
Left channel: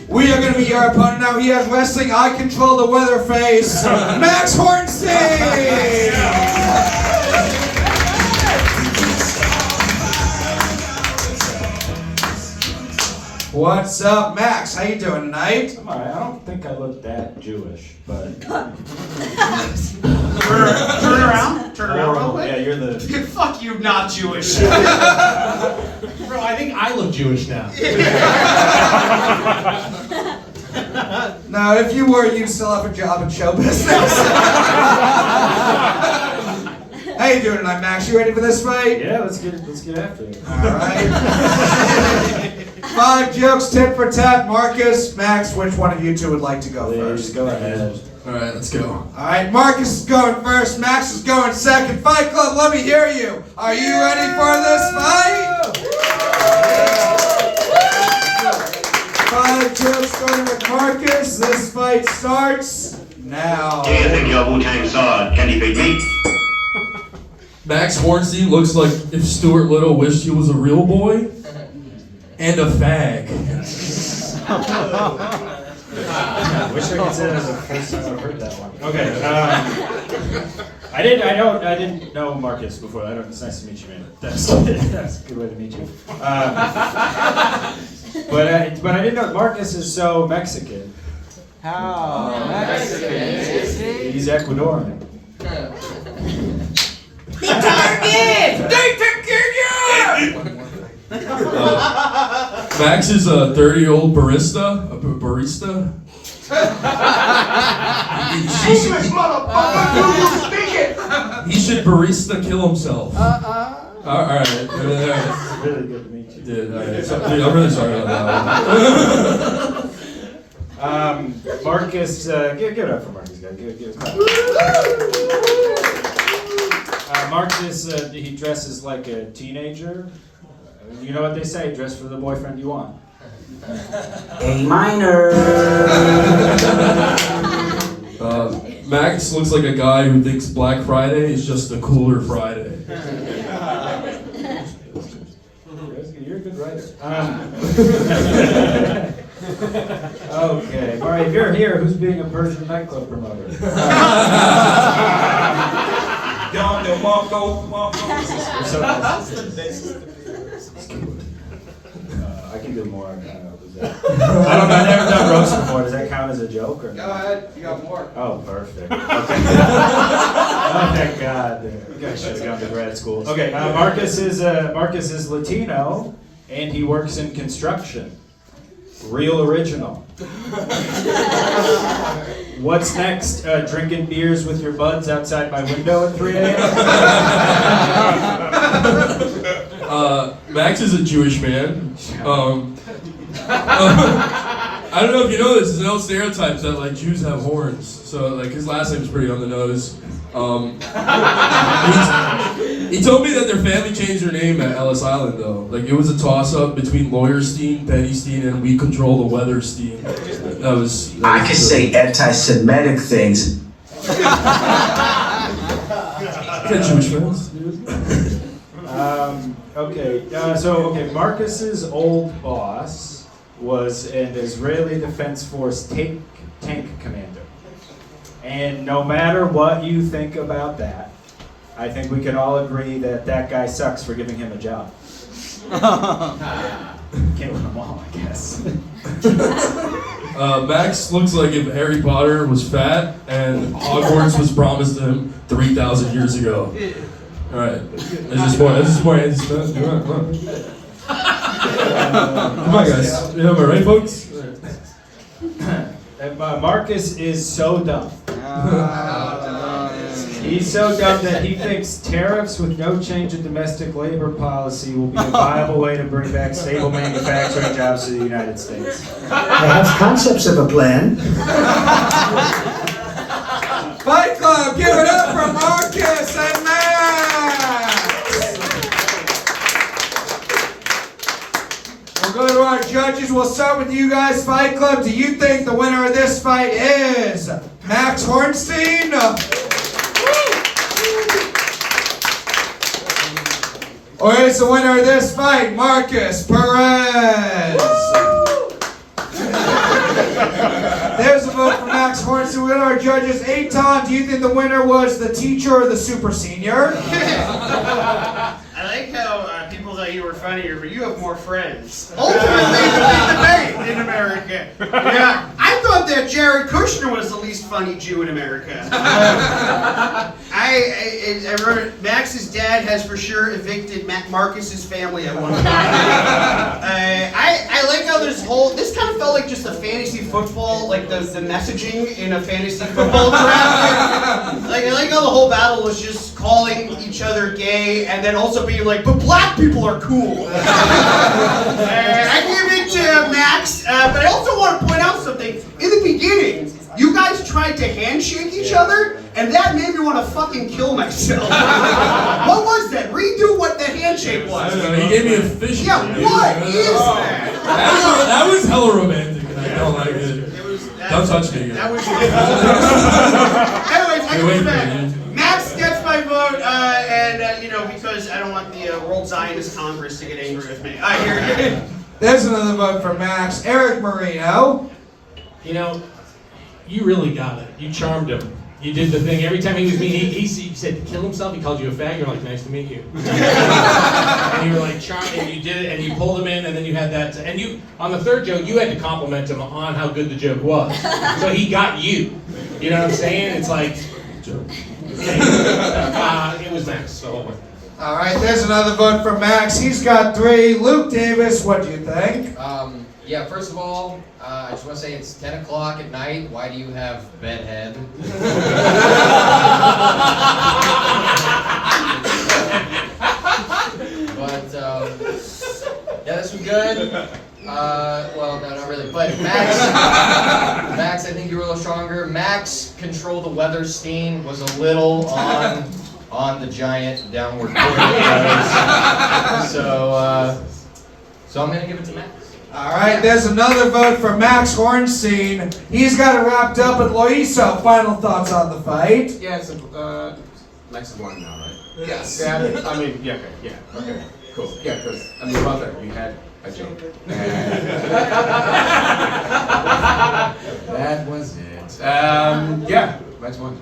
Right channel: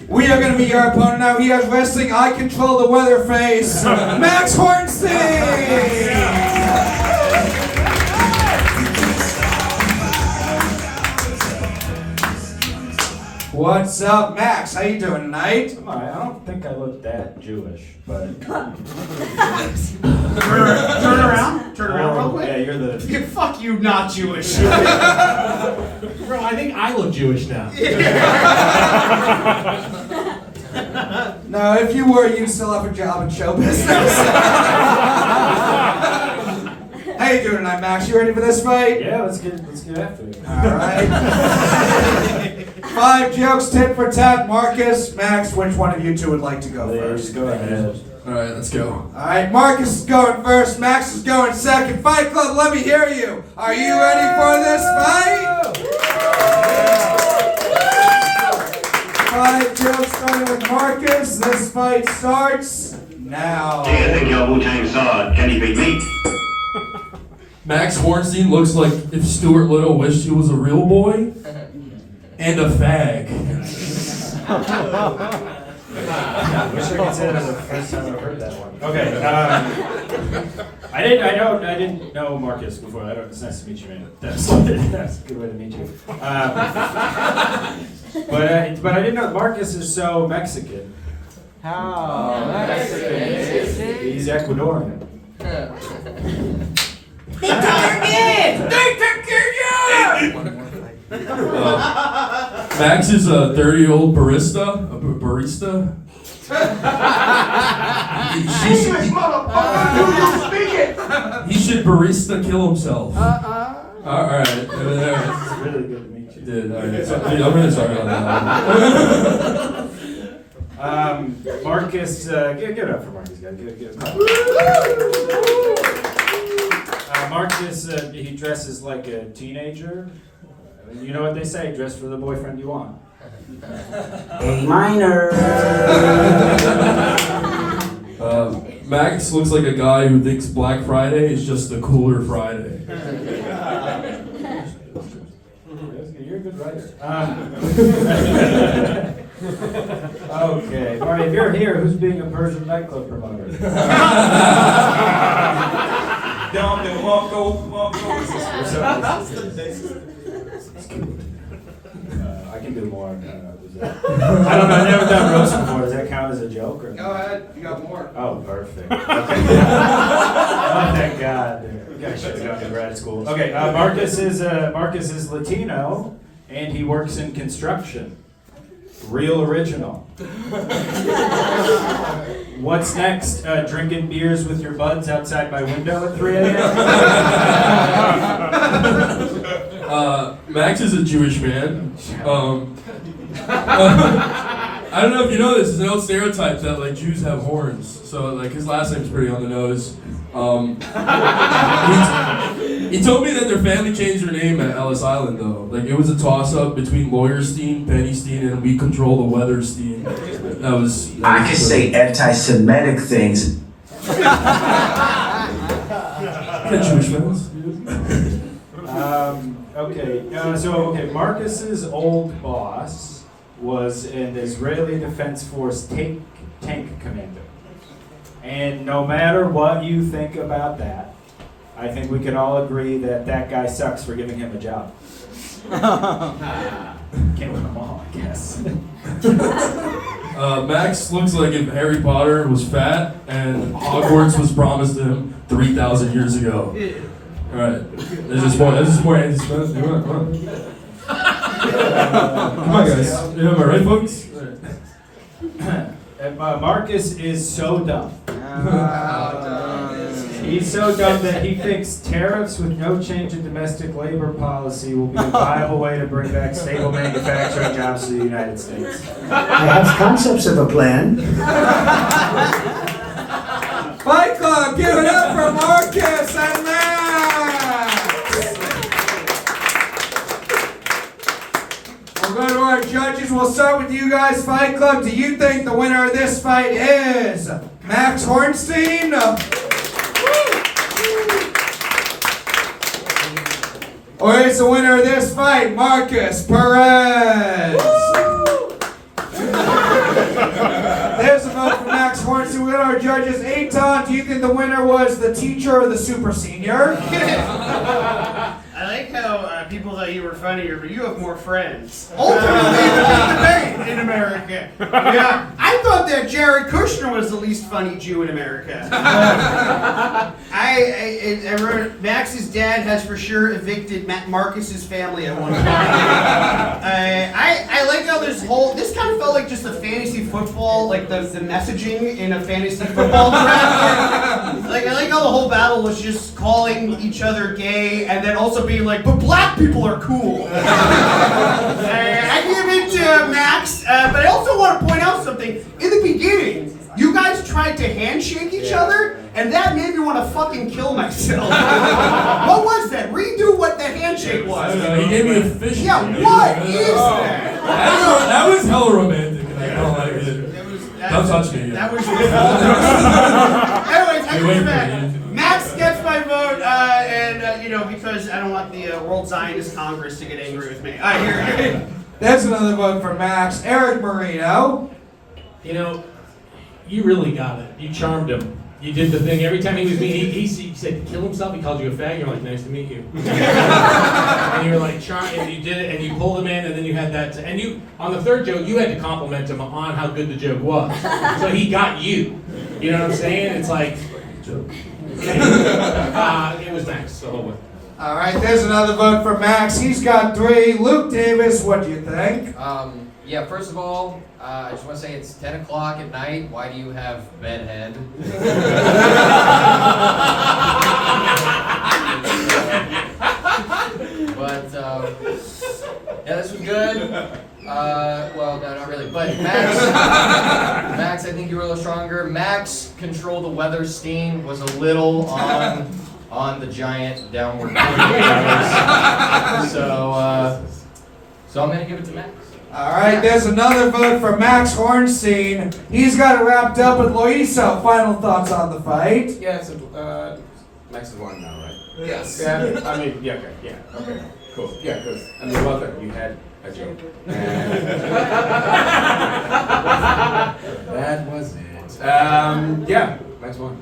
We are going to be your opponent now. He has wrestling. I control the weather face. Max Hornstein. What's up, Max? How you doing tonight? I'm alright. I don't think I look that Jewish, but. Turn around real quick. Yeah, you're the. Fuck you, not Jewish. Bro, I think I look Jewish now. No, if you were, you'd still have a job in show business. How you doing tonight, Max? You ready for this fight? Yeah, let's get after it. All right. 5 jokes, tit for tat. Markus, Max, which one of you two would like to go first? Go ahead. All right, let's go. All right, Markus is going first. Max is going second. Fight Club, let me hear you. Are you ready for this fight? 5 jokes starting with Markus. This fight starts now. Do you think your Wu-Tang sword can defeat me? Max Hornstein looks like if Stuart Little wished he was a real boy and a fag. Wish I could say that was the first time I've heard that one. Okay. I didn't know Markus before. It's nice to meet you, man. That's a good way to meet you. But I didn't know Markus is so Mexican. How Mexican is he? He's Ecuadorian. Max is a dirty old barista. He should barista kill himself. All right. It's really good to meet you. Did, all right. I'm really sorry about that. Markus, give it up for Markus, guys. Give it up. Markus, he dresses like a teenager. You know what they say, dress for the boyfriend you want. A minor. Max looks like a guy who thinks Black Friday is just a cooler Friday. You're a good writer. Okay, all right, if you're here, who's being a Persian nightclub promoter? Down there, Marco. I can do more. I don't know. I've never done roast before. Does that count as a joke? Or Go ahead, you got more. Oh, perfect. Okay. Oh, thank God. You guys should have gone to grad school. Okay, Markus is Latino, and he works in construction. Real original. What's next? Drinking beers with your buds outside my window at 3 a.m.? Max is a Jewish man. I don't know if you know this. It's an old stereotype that like Jews have horns. So like his last name's pretty on the nose. He told me that their family changed their name at Ellis Island though. Like it was a toss-up between Lawyerstein, Pennystein, and We Control the Weatherstein. That was I can say anti-Semitic things. Get Jewish fans. Okay, Markus's old boss was an Israeli Defense Force tank commander. And no matter what you think about that, I think we can all agree that that guy sucks for giving him a job. Can't win them all, I guess. Max looks like if Harry Potter was fat and Hogwarts was promised to him 3,000 years ago. All right, this is more Andy Smith. Come on, guys. Am I right, folks? Markus is so dumb. He's so dumb that he thinks tariffs with no change in domestic labor policy will be a viable way to bring back stable manufacturing jobs to the United States. I have concepts of a plan. Fight Club, give it up for Markus and Max! We'll go to our judges. We'll start with you guys, Fight Club. Do you think the winner of this fight is Max Hornstein? Or is the winner of this fight Markus Perez? There's a vote for Max Hornstein. We got our judges. Eitan, do you think the winner was the teacher or the super senior? I like how people thought you were funnier, but you have more friends. Ultimately, the big debate in America. Yeah, I thought that Jared Kushner was the least funny Jew in America. I remember Max's dad has for sure evicted Markus's family at one point. I like how this kind of felt like just a fantasy football, like the messaging in a fantasy football draft. Like I like how the whole battle was just calling each other gay and then also being like, but black people are cool. I give it to Max, but I also want to point out something. In the beginning, you guys tried to handshake each other, and that made me want to fucking kill myself. What was that? Redo what the handshake was. He gave me a fish. Yeah, what is that? That was hella romantic, and I don't like it. Don't touch me. That was. Anyways, I come back. Max gets my vote, and because I don't want the World Zionist Congress to get angry with me. Here. There's another vote for Max. Erik Marino. You know, you really got it. You charmed him. You did the thing. Every time he was mean, he said, kill himself. He called you a fag. You're like, nice to meet you. And you were like, and you did it, and you pulled him in, and then you had that. And you, on the third joke, you had to compliment him on how good the joke was. So he got you. You know what I'm saying? It's like, joke. It was nice. The whole way. All right, there's another vote for Max. He's got 3. Luke Davis, what do you think? Yeah, first of all, I just want to say it's 10 o'clock at night. Why do you have bedhead? But, yeah, this was good. Well, no, not really. But Max, I think you were a little stronger. Max, Control the Weatherstein, was a little on the giant downward curve. So I'm going to give it to Max. All right, there's another vote for Max Hornstein. He's got it wrapped up at Loyiso. Final thoughts on the fight? Yeah, so, Max is winning now, right? Yes. Yeah, I mean, yeah, okay, cool. Yeah, because, about that, you had I joke. That was it. Yeah, next one.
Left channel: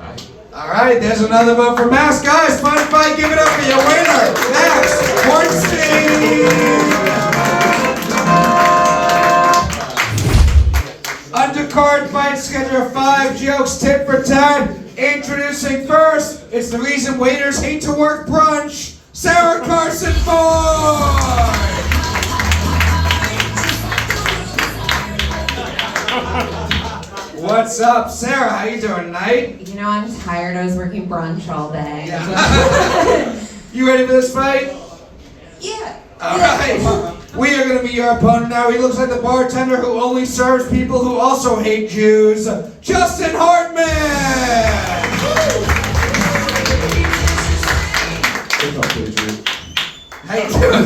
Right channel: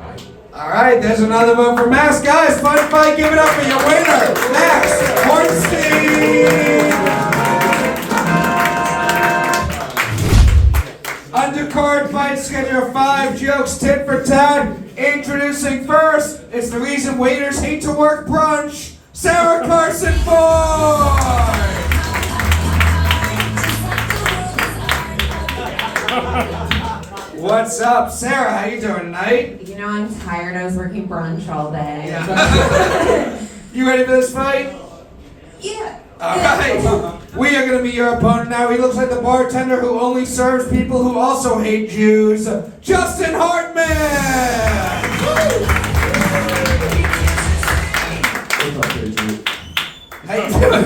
All right, there's another one for Max. Guys, fun fight. Give it up for your winner, Max Hornstein. Undercard fight schedule 5 jokes, tit for tat. Introducing first, it's the reason waiters hate to work brunch, Sarah Carson Ford. What's up, Sarah? How you doing tonight? You know, I'm tired. I was working brunch all day. You ready for this fight? Yeah. All right. We are going to meet your opponent now. He looks like the bartender who only serves people who also hate Jews, Justin Hartman. How you doing?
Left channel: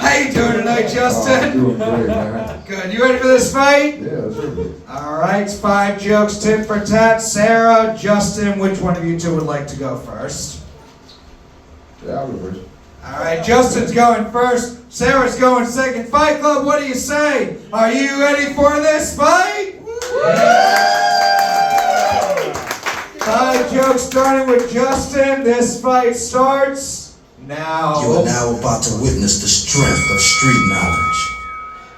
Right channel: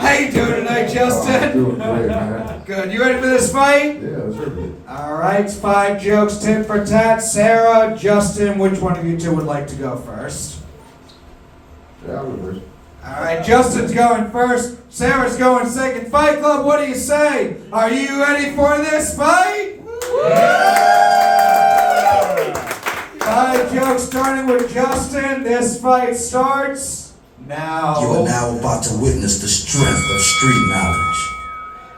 How you doing tonight, Justin? I'm doing great, man. Good. You ready for this fight? Yeah, let's do it. All right, it's 5 jokes, tit for tat. Sarah, Justin, which one of you two would like to go first? Yeah, I'll go first. All right, Justin's going first. Sarah's going second. Fight Club, what do you say? Are you ready for this fight? 5 jokes starting with Justin. This fight starts now. You are now about to witness the strength of street knowledge.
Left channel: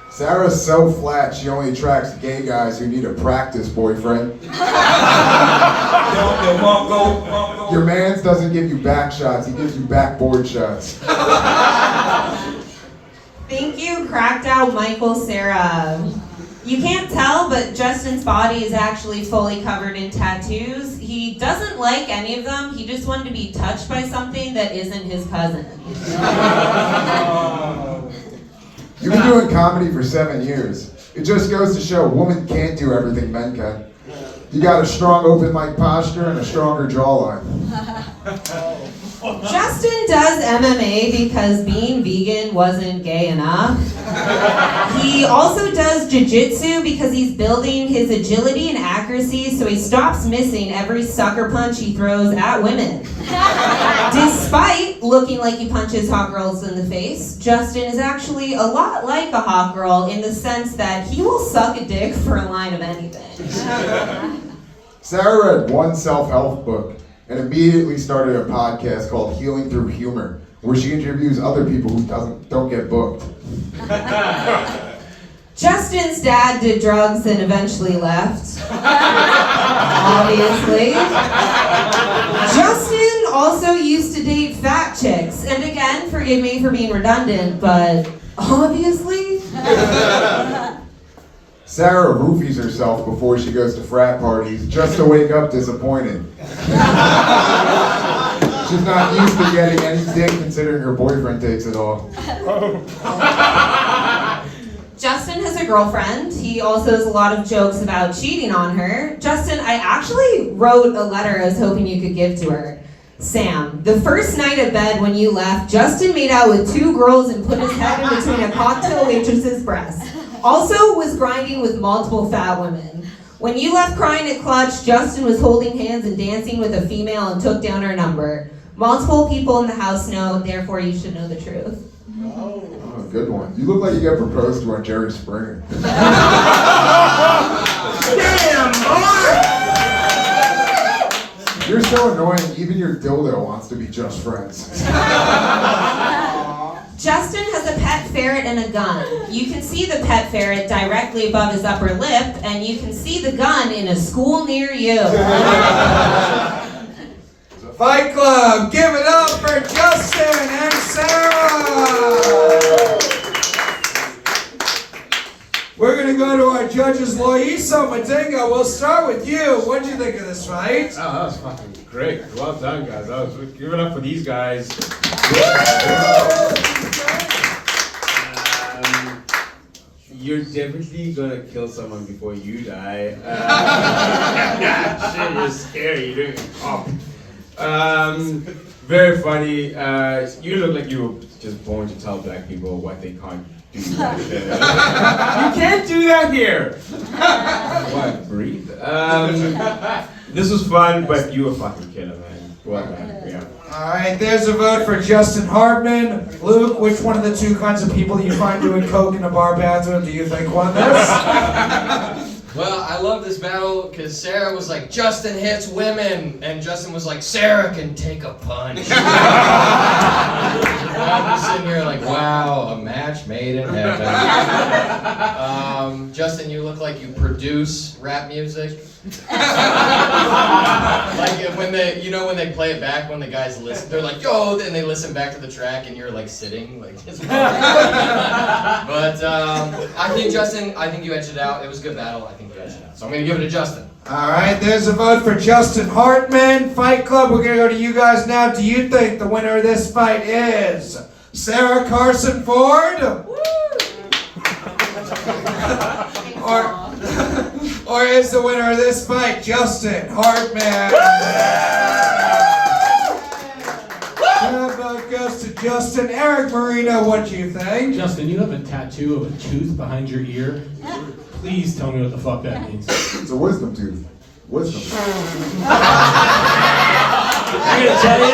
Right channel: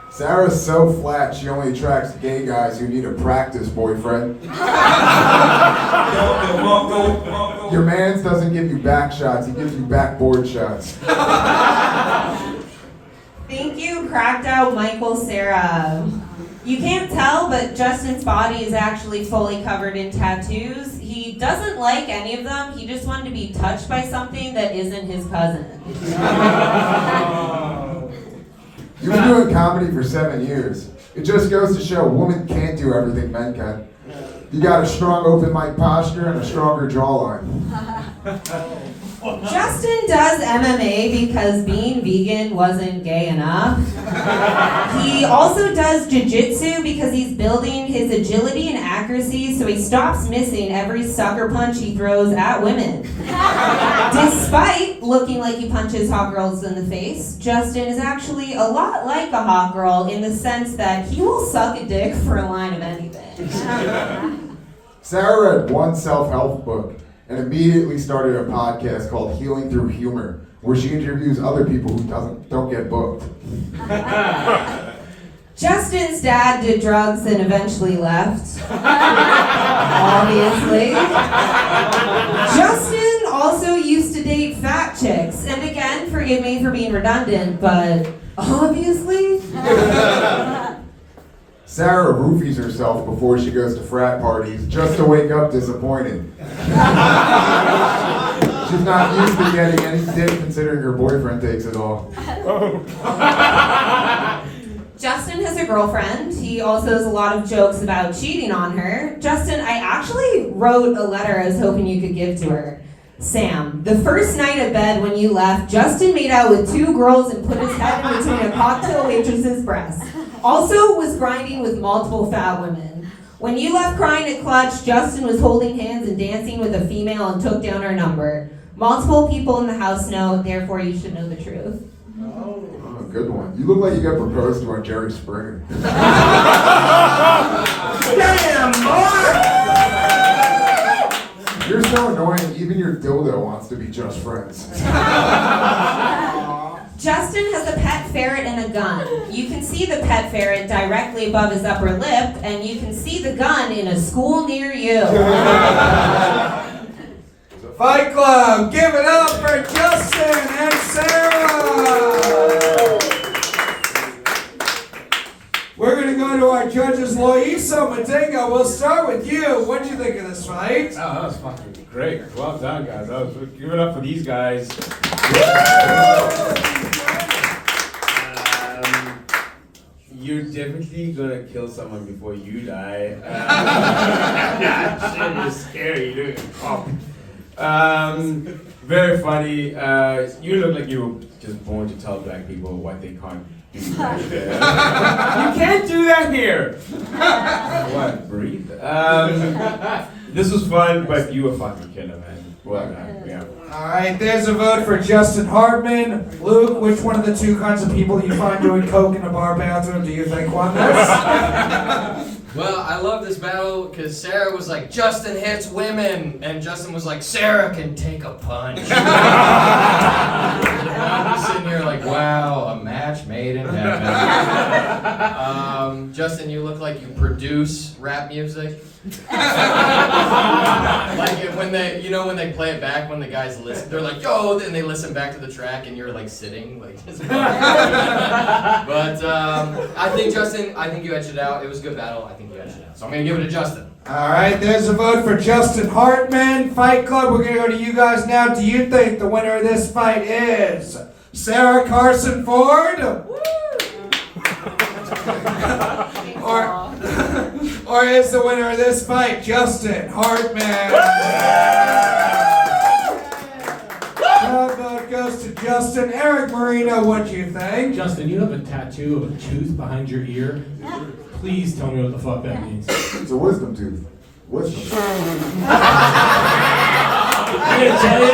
Sarah's so flat, she only attracts gay guys who need a practice boyfriend. Your man's doesn't give you back shots, he gives you backboard shots. Thank you, cracked out Michael Sarah. You can't tell, but Justin's body is actually fully covered in tattoos. He doesn't like any of them. He just wanted to be touched by something that isn't his cousin. You've been doing comedy for 7 years. It just goes to show a woman can't do everything men can. You got a strong open mic posture and a stronger jawline. Justin does MMA because being vegan wasn't gay enough. He also does jiu-jitsu because he's building his agility and accuracy so he stops missing every sucker punch he throws at women. Despite looking like he punches hot girls in the face, Justin is actually a lot like a hot girl in the sense that he will suck a dick for a line of anything. Sarah read one self-help book and immediately started a podcast called Healing Through Humor, where she interviews other people who don't get booked. Justin's dad did drugs and eventually left. Obviously. Justin also used to date fat chicks, and again, forgive me for being redundant, but obviously. Sarah roofies herself before she goes to frat parties just to wake up disappointed. She's not used to getting any dick considering her boyfriend takes it all. Justin has a girlfriend. He also has a lot of jokes about cheating on her. Justin, I actually wrote a letter I was hoping you could give to her. Sam, the first night of bed when you left, Justin made out with 2 girls and put his head in between a cocktail waitress's breasts. Also was grinding with multiple fat women. When you left crying at Clutch, Justin was holding hands and dancing with a female and took down her number. Multiple people in the house know, therefore you should know the truth. Oh, good one. You look like you got proposed to on Jerry Springer. Damn, boy! You're so annoying, even your dildo wants to be just friends. Justin has a pet ferret and a gun. You can see the pet ferret directly above his upper lip, and you can see the gun in a school near you. Fight Club, give it up for Justin and Sarah! We're going to go to our judges, Loyiso, Madinga. We'll start with you. What did you think of this fight? Oh, that was fucking great. Well done, guys. Give it up for these guys. You're definitely gonna kill someone before you die. Shit, you're scary. You're doing a cop. Very funny. You look like you were just born to tell black people what they can't do. You can't do that here. What? Breathe. This was fun, but you were fucking killer, man. Well done. Yeah. All right, there's a vote for Justin Hartman. Luke, which one of the two kinds of people you find doing coke in a bar bathroom do you think won this? Well, I love this battle because Sarah was like, Justin hits women, and Justin was like, Sarah can take a punch. I'm just sitting here like, wow, a match made in heaven. Justin, you look like you produce rap music. Like when they, when they play it back, when the guys listen, they're like, yo, then they listen back to the track, and you're like sitting, like. But I think Justin, you edged it out. It was a good battle. I think you edged it out. So I'm gonna give it to Justin. All right, there's a vote for Justin Hartman. Fight Club, we're gonna go to you guys now. Do you think the winner of this fight is Sarah Carson Ford? Or is the winner of this fight Justin Hartman? That vote goes to Justin. Erik, Marino, what do you think? Justin, you have a tattoo of a tooth behind your ear. Please tell me what the fuck that means. It's a wisdom tooth. Wisdom. I'm gonna tell you,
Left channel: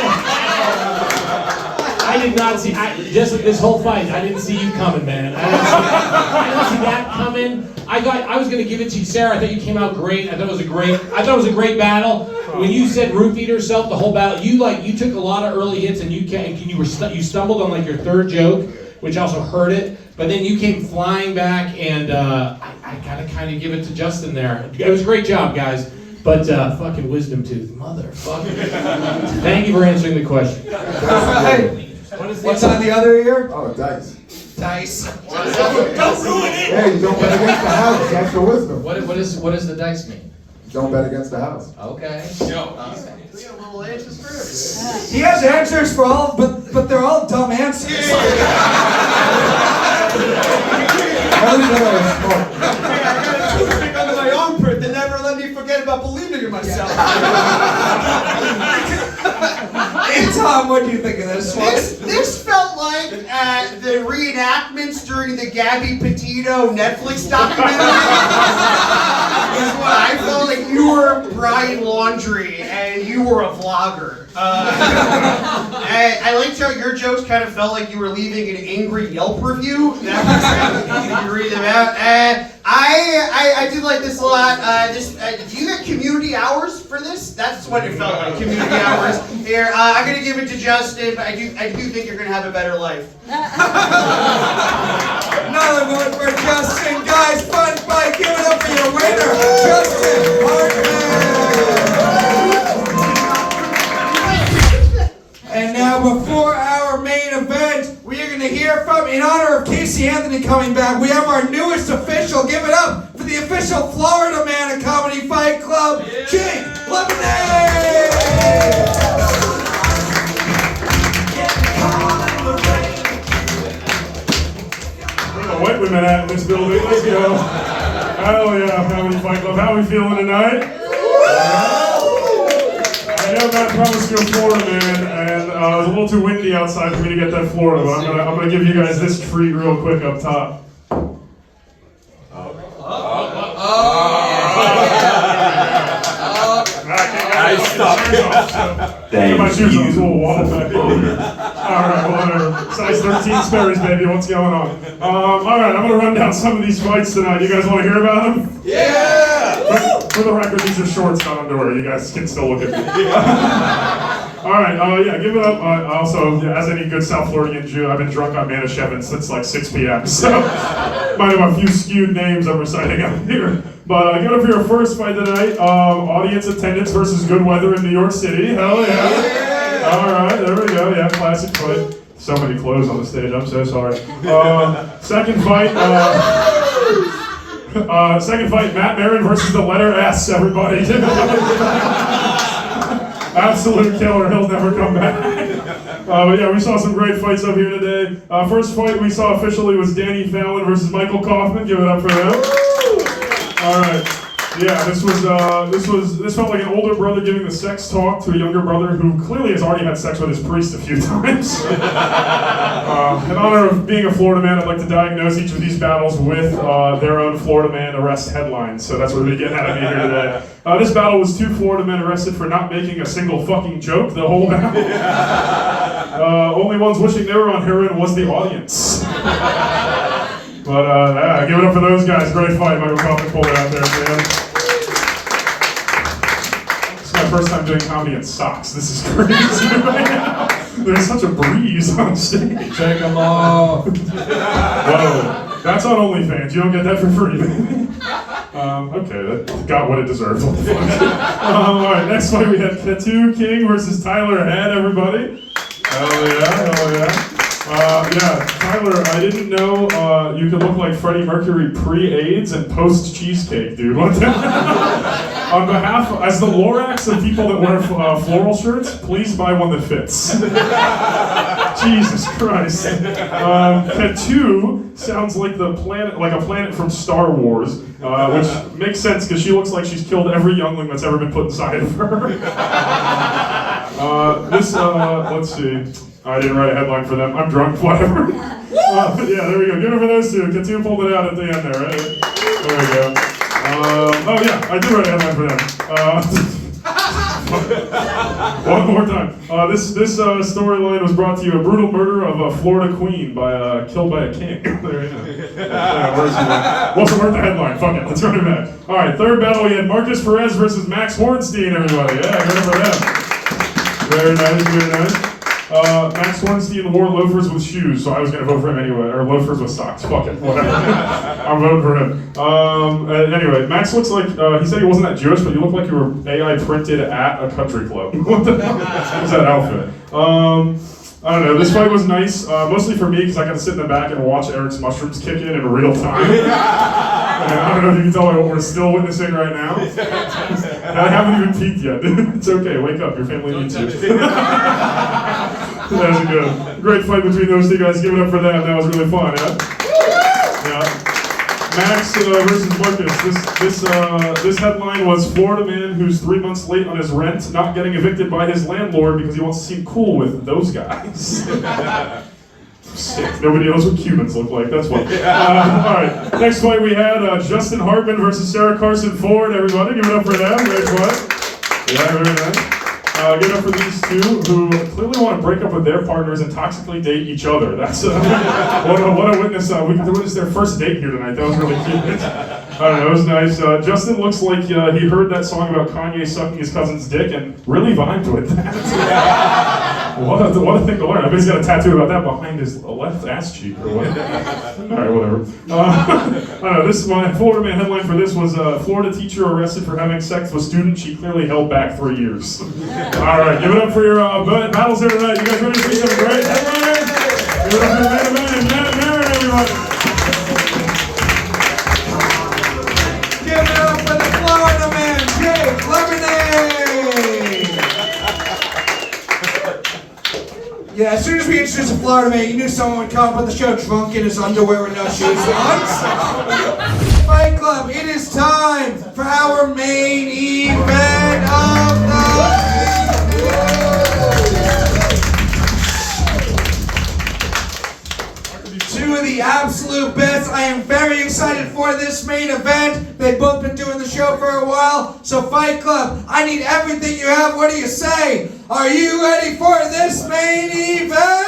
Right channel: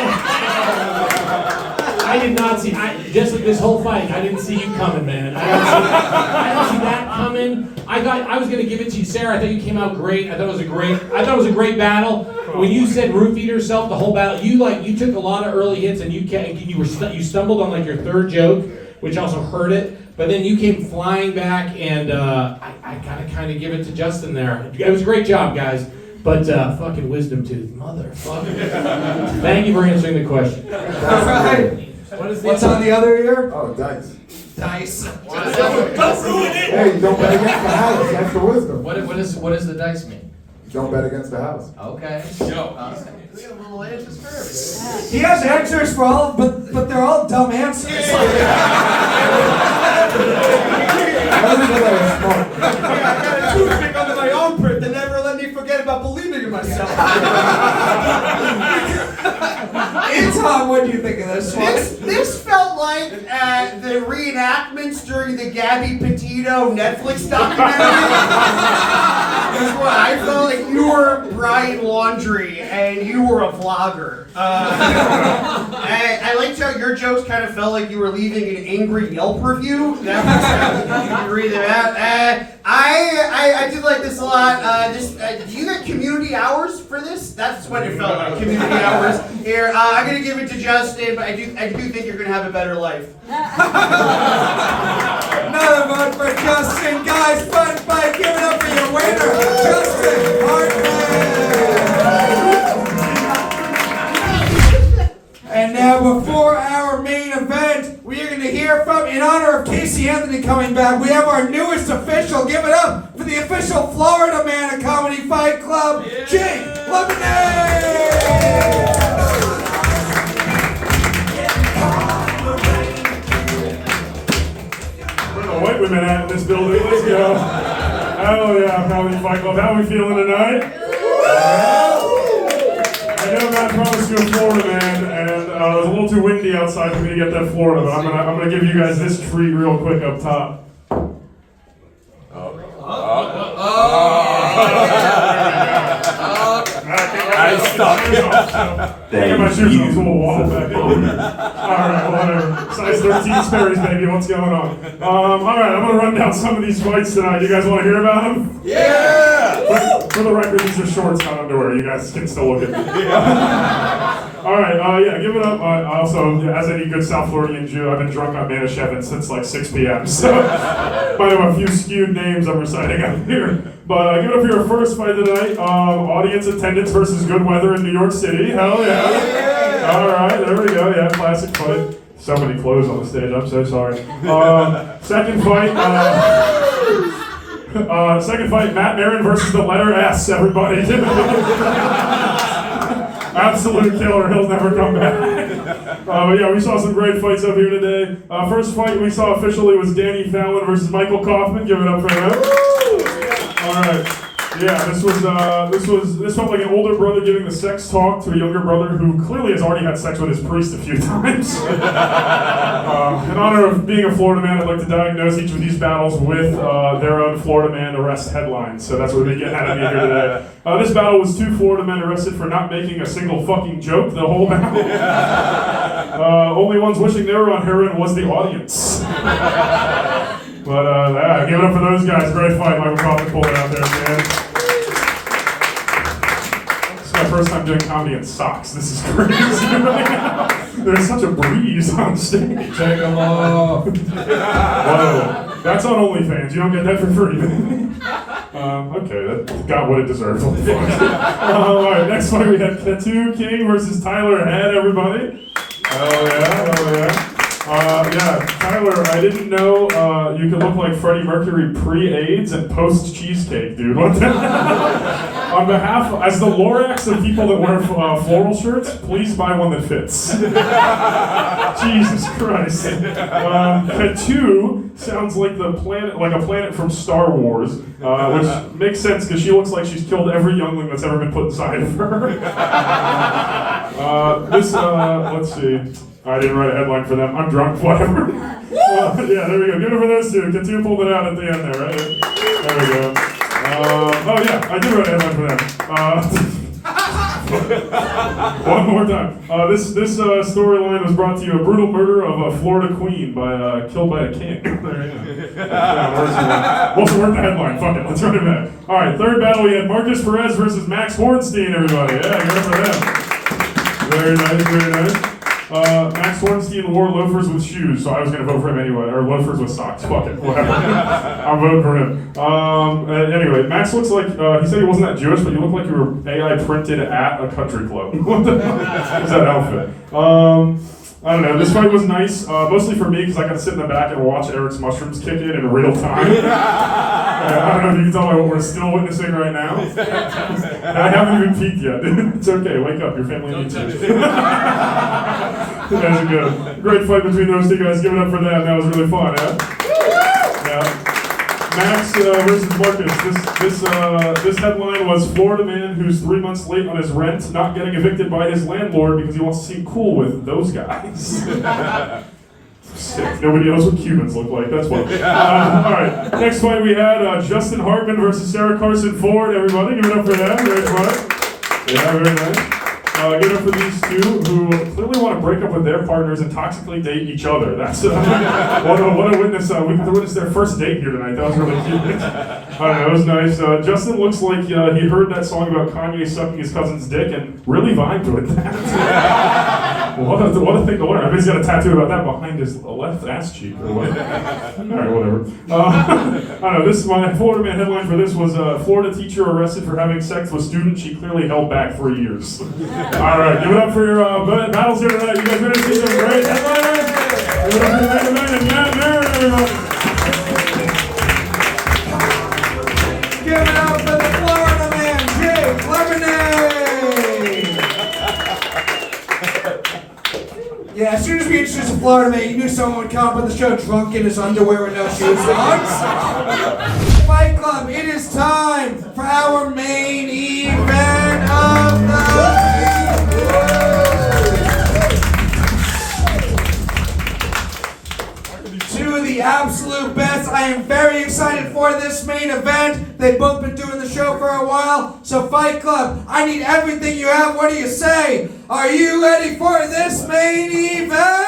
I did not see, just this whole fight, I didn't see you coming, man. I didn't see that coming. I was gonna give it to you, Sarah. I thought you came out great. I thought it was a great battle. When you said roofie yourself the whole battle, you took a lot of early hits and you stumbled on like your third joke, which also hurt it. But then you came flying back, and I gotta kind of give it to Justin there. It was a great job, guys. But fucking wisdom tooth, motherfucker. Thank you for answering the question. All right. What's on the other ear? Oh, dice. Dice. Don't ruin it! Hey, don't bet against the house. That's the wisdom. What does the dice mean? Don't bet against the house. Okay. He has answers for all, but they're all dumb answers. I got a toothpick under my own print that never let me forget about believing in myself. Eitan, what do you think of this one? This felt like the reenactments during the Gabby Petito Netflix documentary. Is what I felt like. You were Brian Laundrie and you were a vlogger. I liked how your jokes kind of felt like you were leaving an angry Yelp review. That was, you can read them out. I did like this a lot. Do you get community hours for this? That's what it felt like, community hours. Here, I'm going to give it to Justin, but I do think you're going to have a better life. Another vote for Justin. Guys, fun fight. Give it up for your winner, Justin Hartman. And now, before our main event, we are going to hear from, in honor of Casey Anthony coming back, we have our newest official. Give it up for the official Florida Man of Comedy Fight Club, Jake Levine. Where the white women at in this building? Let's go. Hell yeah, Comedy Fight Club. How are we feeling tonight? I know Matt promised to go Florida, man, and it was a little too windy outside for me to get that Florida, but I'm gonna give you guys this treat real quick up top. Get my shoes on, so we'll wobble back in. Alright, whatever. Size 13 Sperry's, baby, what's going on? Alright, I'm gonna run down some of these fights tonight. You guys wanna hear about them? Yeah! For the record, these are shorts, not underwear. You guys can still look at me. Alright, yeah, give it up. Also, as any good South Floridian Jew, I've been drunk on Manischewitz since like 6 p.m. So, might have a few skewed names I'm reciting up here. But give it up for your first fight tonight. Audience attendance versus good weather in New York City. Hell yeah. Alright, there we go. Yeah, classic fight. So many clothes on the stage, I'm so sorry. Second fight, Matt Maran versus the letter S, everybody. Absolute killer, he'll never come back. But yeah, we saw some great fights up here today. First fight we saw officially was Fallon versus Michael Kaufman. Give it up for them. Alright. Yeah, this felt like an older brother giving the sex talk to a younger brother who clearly has already had sex with his priest a few times. In honor of being a Florida man, I'd like to diagnose each of these battles with their own Florida man arrest headlines. So that's what we get out of me here today. This battle was 2 Florida men arrested for not making a single fucking joke the whole battle. Only ones wishing they were on heroin was the audience. But yeah, give it up for those guys. Great fight. Michael Kaufman pulled it out there, man. This is my first time doing comedy in socks. This is crazy. There's such a breeze on stage. Take them off. Whoa. That's on OnlyFans. You don't get that for free. Okay, that got what it deserved. What the fuck? Alright, next fight we had Kattoo King versus Tyler Head, everybody. Oh yeah. Yeah, Tyler, I didn't know you could look like Freddie Mercury pre-AIDS and post-cheesecake, dude. What the On behalf, as the Lorax of people that wear floral shirts, please buy one that fits. Jesus Christ. Kattoo sounds like a planet from Star Wars, which makes sense because she looks like she's killed every youngling that's ever been put inside of her. Let's see. I didn't write a headline for them. I'm drunk, whatever. Yeah, there we go. Good for those two. Kattoo pulled it out at the end there, right? There we go. Oh yeah, I did write a headline for them. One more time. This storyline was brought to you: a brutal murder of a Florida queen killed by a king. There you go. Yeah, wasn't worth the headline. Fuck it. Let's run it back. All right, third battle. We had Markus Perez versus Max Hornstein. Everybody, yeah, good for them. Very nice, very nice. Max Hornstein wore loafers with shoes, so I was going to vote for him anyway. Or loafers with socks. Fuck it. Whatever. I'm voting for him. Anyway, Max looks like, he said he wasn't that Jewish, but you look like you were AI printed at a country club. What the hell is that outfit? I don't know. This fight was nice, mostly for me, because I got to sit in the back and watch Erik's mushrooms kick in real time. I don't know if you can tell by what we're still witnessing right now. I haven't even peeked yet. It's okay. Wake up. Your family needs you. That was good. Great fight between those two guys. Give it up for them. That was really fun, yeah? Max versus Markus. This headline was Florida man who's 3 months late on his rent, not getting evicted by his landlord because he wants to seem cool with those guys. Sick. Nobody knows what Cubans look like. That's why. Alright, next fight we had Justin Hartman versus Sarah Carson Ford. Everybody, give it up for them. Great fight. Yeah, very nice. Give it up for these two who clearly want to break up with their partners and toxically date each other. That's what a witness. We got to witness their first date here tonight. That was really cute. I don't know, it was nice. Justin looks like he heard that song about Kanye sucking his cousin's dick and really vibed with that. What a thing to learn. I bet he's got a tattoo about that behind his left ass cheek or whatever. Alright, whatever. I don't know, my Florida man headline for this was Florida teacher arrested for having sex with student she clearly held back 3 years. Alright, give it up for your battles here tonight. You guys ready to see some great headliners? Give it up for the main event and Maran, everybody. Give it up for the Florida man, Jake Lemonade! Yeah, as soon as we introduced the Florida man, you knew someone would come up on the show drunk in his underwear with no shoes on. Fight Club, it is time for our main event of the night. Two of the absolute best. I am very excited for this main event. They've both been doing the show for a while. So Fight Club, I need everything you have. What do you say? Are you ready for this main event?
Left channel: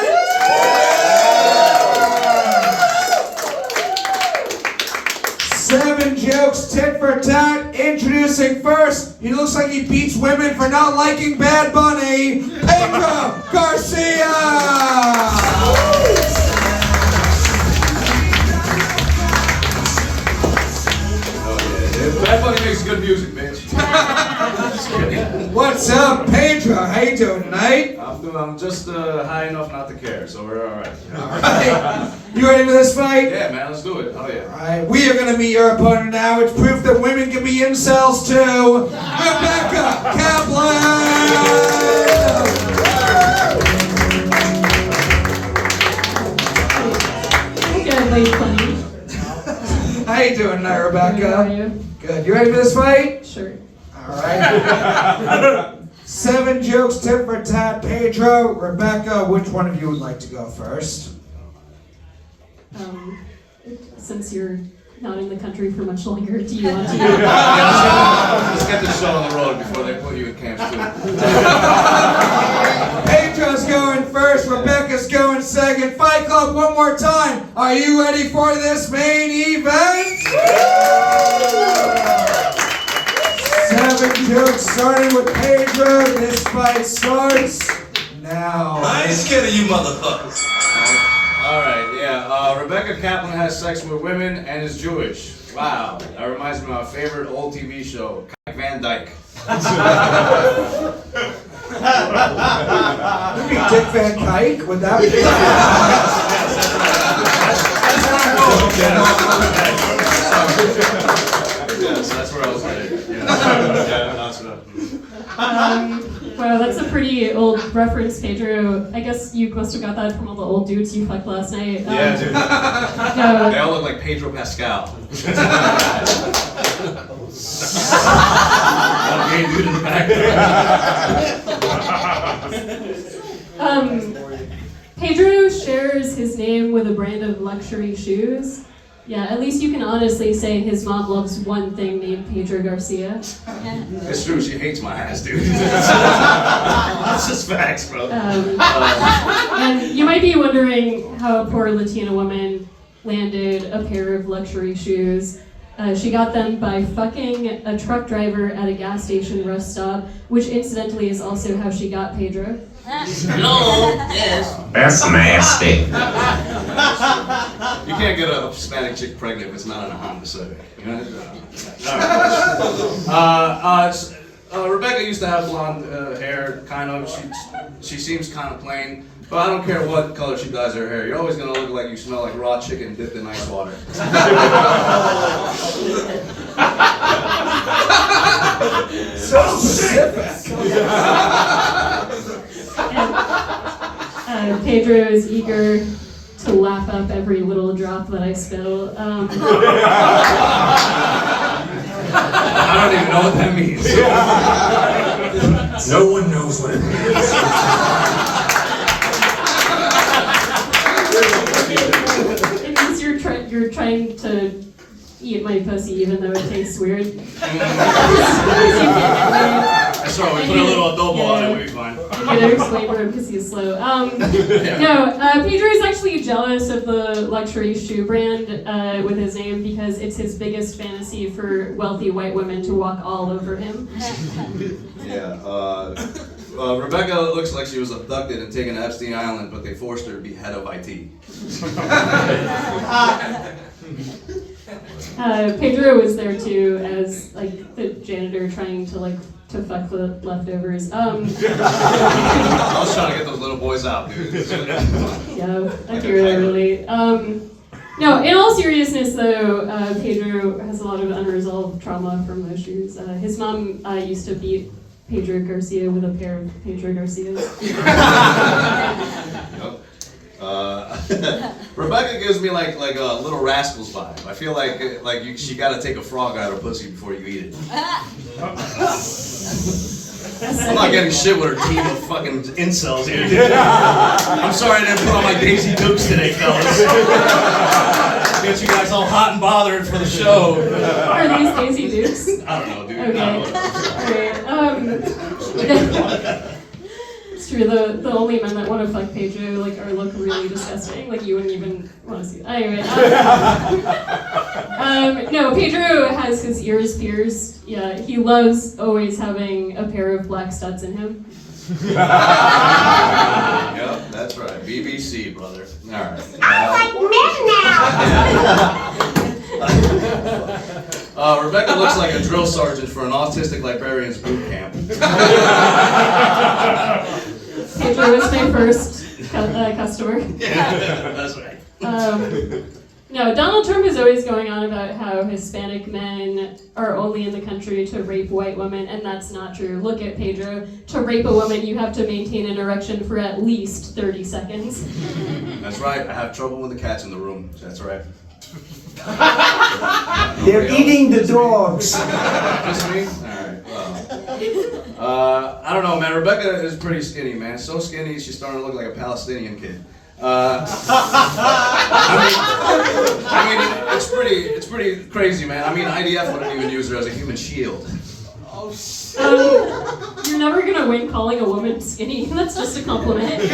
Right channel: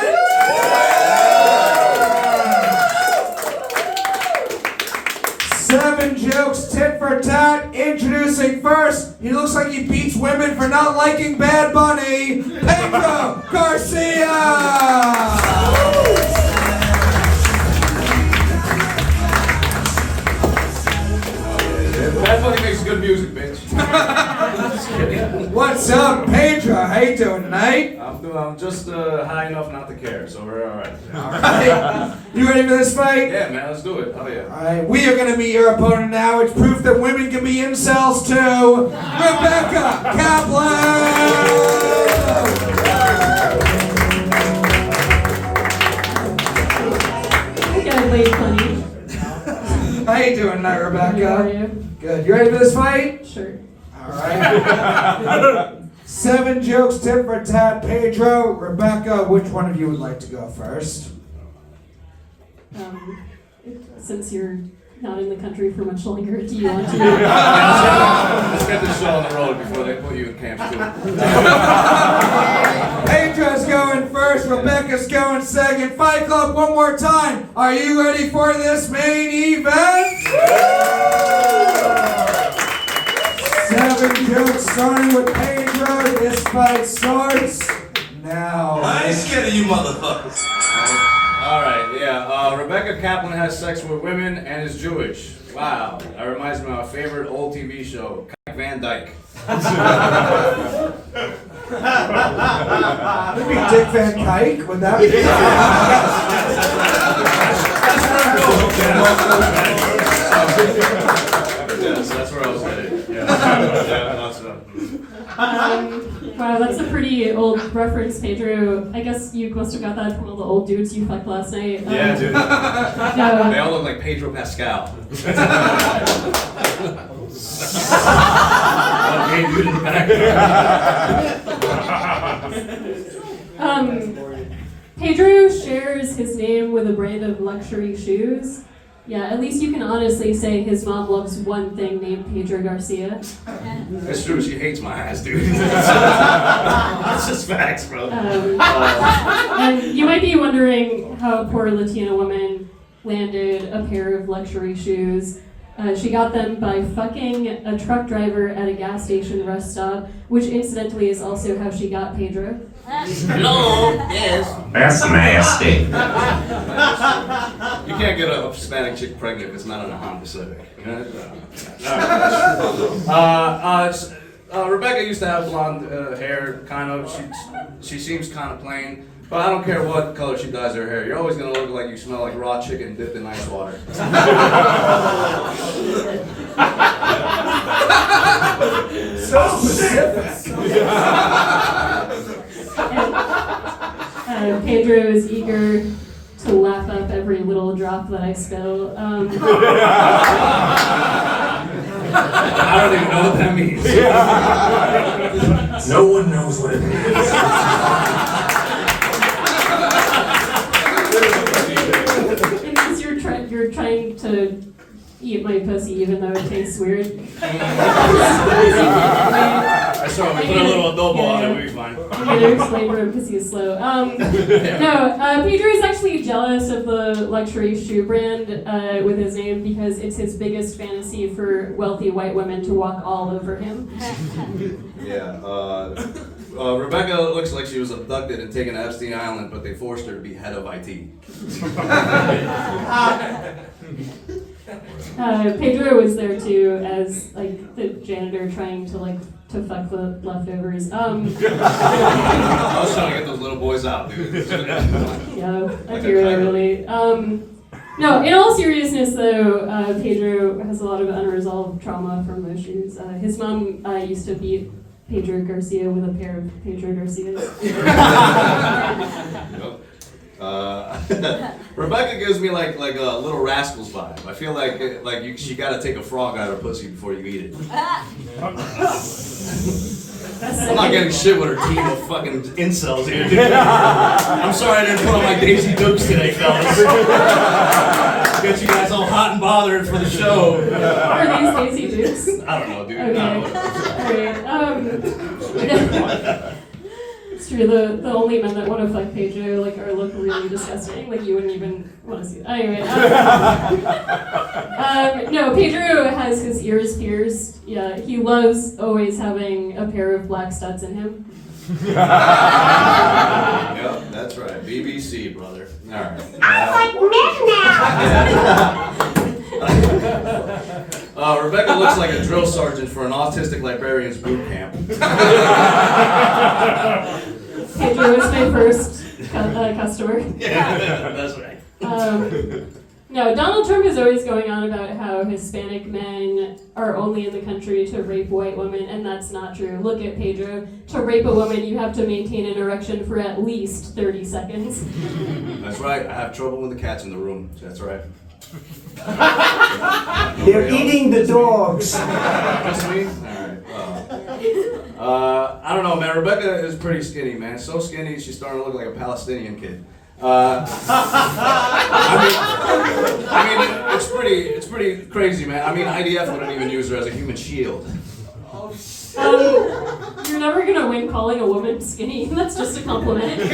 7 jokes, tit for tat. Introducing first, he looks like he beats women for not liking Bad Bunny, Pedro Garcia. Bad Bunny makes good music, bitch. What's up, Pedro? How you doing tonight? I'm just high enough not to care, so we're alright. Alright. You ready for this fight? Yeah, man, let's do it. Oh yeah. Alright, we are gonna meet your opponent now. It's proof that women can be incels too. Rebeca Kaplan! You guys wait funny. How you doing night, Rebecca. How are you? Good. You ready for this fight? Sure. All right. 7 jokes, tit for tat. Pedro, Rebecca, which one of you would like to go first? Since you're not in the country for much longer, do you want to? Let's get this show on the road before they put you in camps too. Pedro's going first, Rebecca's going second. Fight Club, one more time. Are you ready for this main event? 7 jokes starting with Pedro. This fight starts now. I ain't scared of you motherfuckers. All right, yeah. Rebecca Kaplan has sex with women and is Jewish. Wow, that reminds me of my favorite old TV show, Kike Van Dyke. Dick Van Dyke, would that be? Yes, that's where I was headed. Yeah, lots of. Wow, that's a pretty old reference, Pedro. I guess you must have got that from all the old dudes you fucked last night. Yeah, dude. No. They all look like Pedro Pascal. Okay, dude in the back. Pedro shares his name with a brand of luxury shoes. Yeah, at least you can honestly say his mom loves one thing named Pedro Garcia. It's true, she hates my ass, dude. That's just facts, bro. And you might be wondering how a poor Latina woman landed a pair of luxury shoes. She got them by fucking a truck driver at a gas station rest stop, which incidentally is also how she got Pedro. Hello, yes. That's nasty. You can't get a Hispanic chick pregnant if it's not on a Honda Civic. You know? Rebecca used to have blonde hair, kind of. She seems kind of plain, but I don't care what color she dyes her hair. You're always gonna look like you smell like raw chicken dipped in ice water. So specific. Pedro is eager to lap up every little drop that I spill. I don't even know what that means. No one knows what it means. It means you're trying to eat my pussy even though it tastes weird. That's right, we put a little adobo on it, we'll be fine. I'm gonna explain for him because he's slow. Pedro is actually jealous of the luxury shoe brand with his name because it's his biggest fantasy for wealthy white women to walk all over him. Yeah, Rebecca looks like she was abducted and taken to Epstein Island, but they forced her to be head of IT. Pedro was there too as like the janitor trying to fuck the leftovers. I was trying to get those little boys out, dude. Yeah, I hear that really. No, in all seriousness though, Pedro has a lot of unresolved trauma from those shoes. His mom used to beat Pedro Garcia with a pair of Pedro Garcias. Rebecca gives me like a Little Rascals vibe. I feel like she got to take a frog out of her pussy before you eat it. I'm not getting shit with her team of fucking incels here, dude. I'm sorry I didn't put on my Daisy Dukes today, fellas. Get you guys all hot and bothered for the show. Are these Daisy Dukes? I don't know, dude. Okay. No, Alright, it's true, the only men that want to fuck Pedro are look really disgusting. Like you wouldn't even want to see it. Anyway. No, Pedro has his ears pierced. Yeah, he loves always having a pair of black studs in him. Yep, that's right. BBC, brother. All right. Rebecca looks like a drill sergeant for an autistic librarian's boot camp. Pedro was my first customer. Yeah, that's right. No, Donald Trump is always going on about how Hispanic men are only in the country to rape white women, and that's not true. Look at Pedro. To rape a woman, you have to maintain an erection for at least 30 seconds. That's right. I have trouble when the cat's in the room. That's right. They're eating the dogs. Just me? Alright, I don't know, man. Rebeca is pretty skinny, man. So skinny, she's starting to look like a Palestinian kid. I mean, it's pretty crazy, man. I mean, IDF wouldn't even use her as a human shield. You're never gonna win calling a woman skinny. That's just a compliment.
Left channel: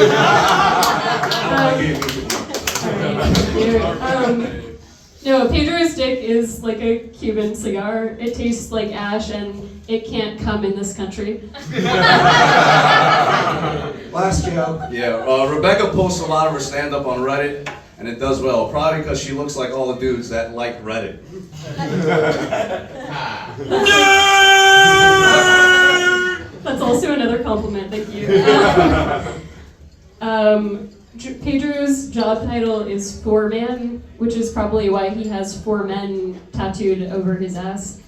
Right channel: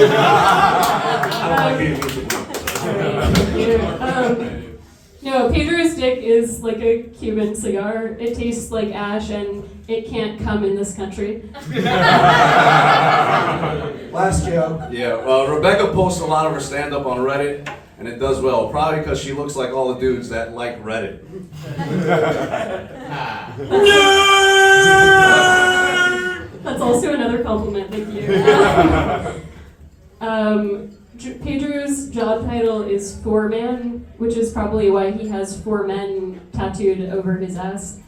No, Pedro's dick is like a Cuban cigar. It tastes like ash, and it can't come in this country. Last joke. Yeah, Rebeca posts a lot of her stand-up on Reddit, and it does well. Probably because she looks like all the dudes that like Reddit. That's also another compliment, thank you. Pedro's job title is foreman, which is probably why he has 4 men tattooed over his ass.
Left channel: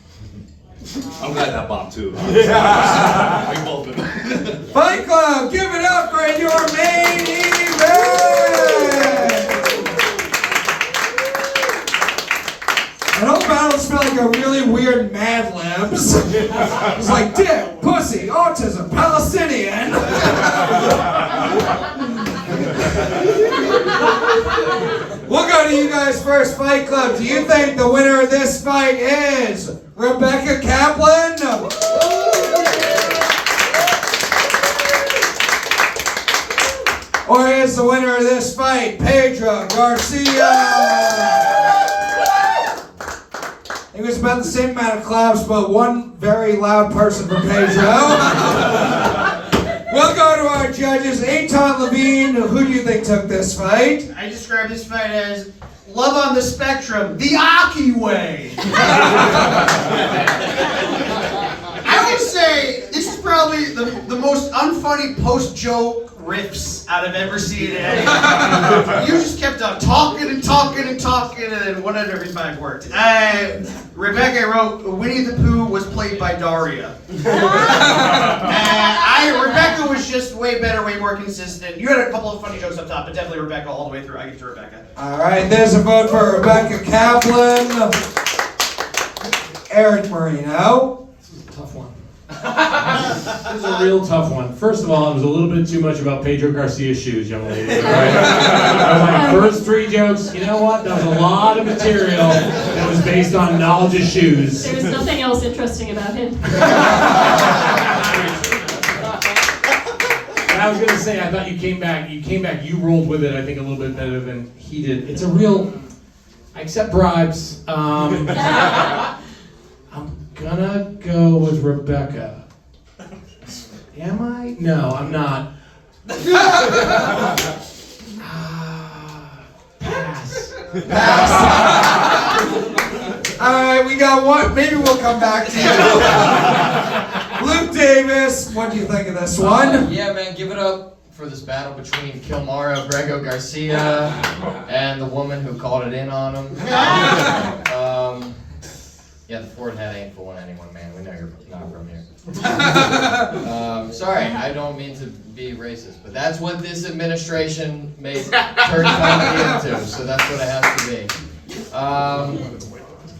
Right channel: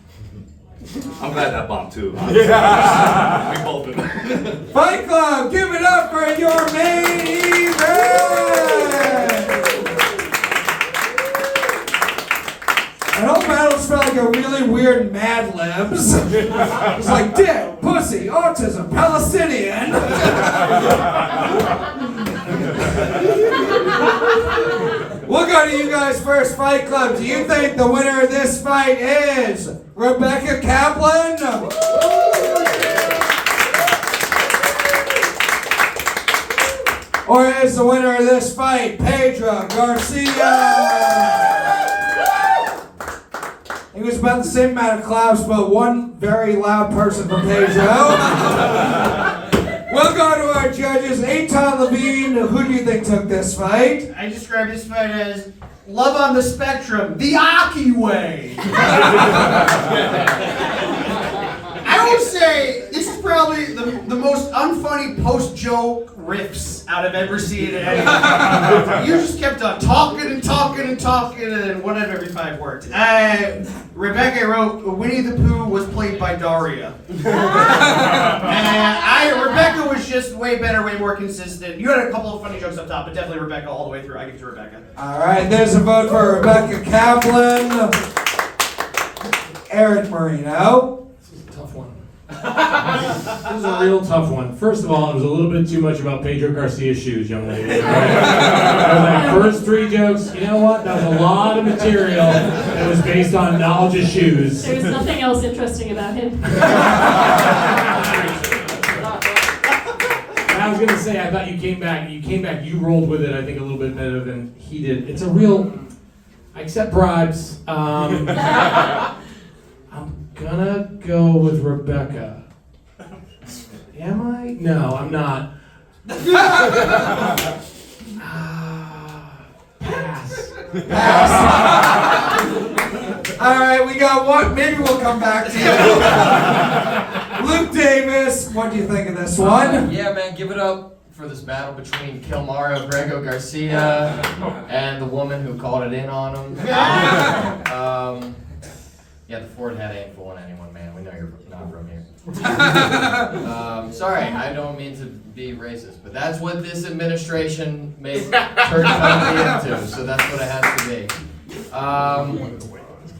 I'm glad that bombed too. We both been. Fight Club, give it up for your main event! The whole battle felt like a really weird Mad Libs. It was like dick, pussy, autism, Palestinian. We'll go to you guys first, Fight Club. Do you think the winner of this fight is Rebeca Kaplan? Or is the winner of this fight Pedro Garcia? It was about the same amount of claps, but one very loud person from Pedro. We'll go to our judges. Eitan, Levine, who do you think took this fight? I describe this fight as love on the spectrum, the Aki way. I would say this is probably the most unfunny post-joke riffs out of ever seen in anything. You just kept on talking and talking and talking, and then one out of every 5 worked. Rebecca wrote, Winnie the Pooh was played by Daria. Rebecca was just way better, way more consistent. You had a couple of funny jokes up top, but definitely Rebecca all the way through. I give it to Rebecca. All right, there's a vote for Rebeca Kaplan. Erik Marino. This was a tough one. This was a real tough one. First of all, it was a little bit too much about Pedro Garcia's shoes, young lady. Right? First 3 jokes, you know what? That was a lot of material that was based on knowledge of shoes. There's nothing else interesting about him. I was gonna say, I thought you came back, you rolled with it, I think, a little bit better than he did. It's a real, I accept bribes. I'm gonna go with Rebeca. Am I? No, I'm not. Pass. All right, we got one. Maybe we'll come back to you. Luke Davis, what do you think of this one? Yeah, man, give it up for this battle between Kilmaro Pedro Garcia and the woman who called it in on him. Yeah, the Ford hat ain't fooling anyone, man. We know you're not from here. Sorry, I don't mean to be racist, but that's what this administration made turn comedy into, so that's what it has to be.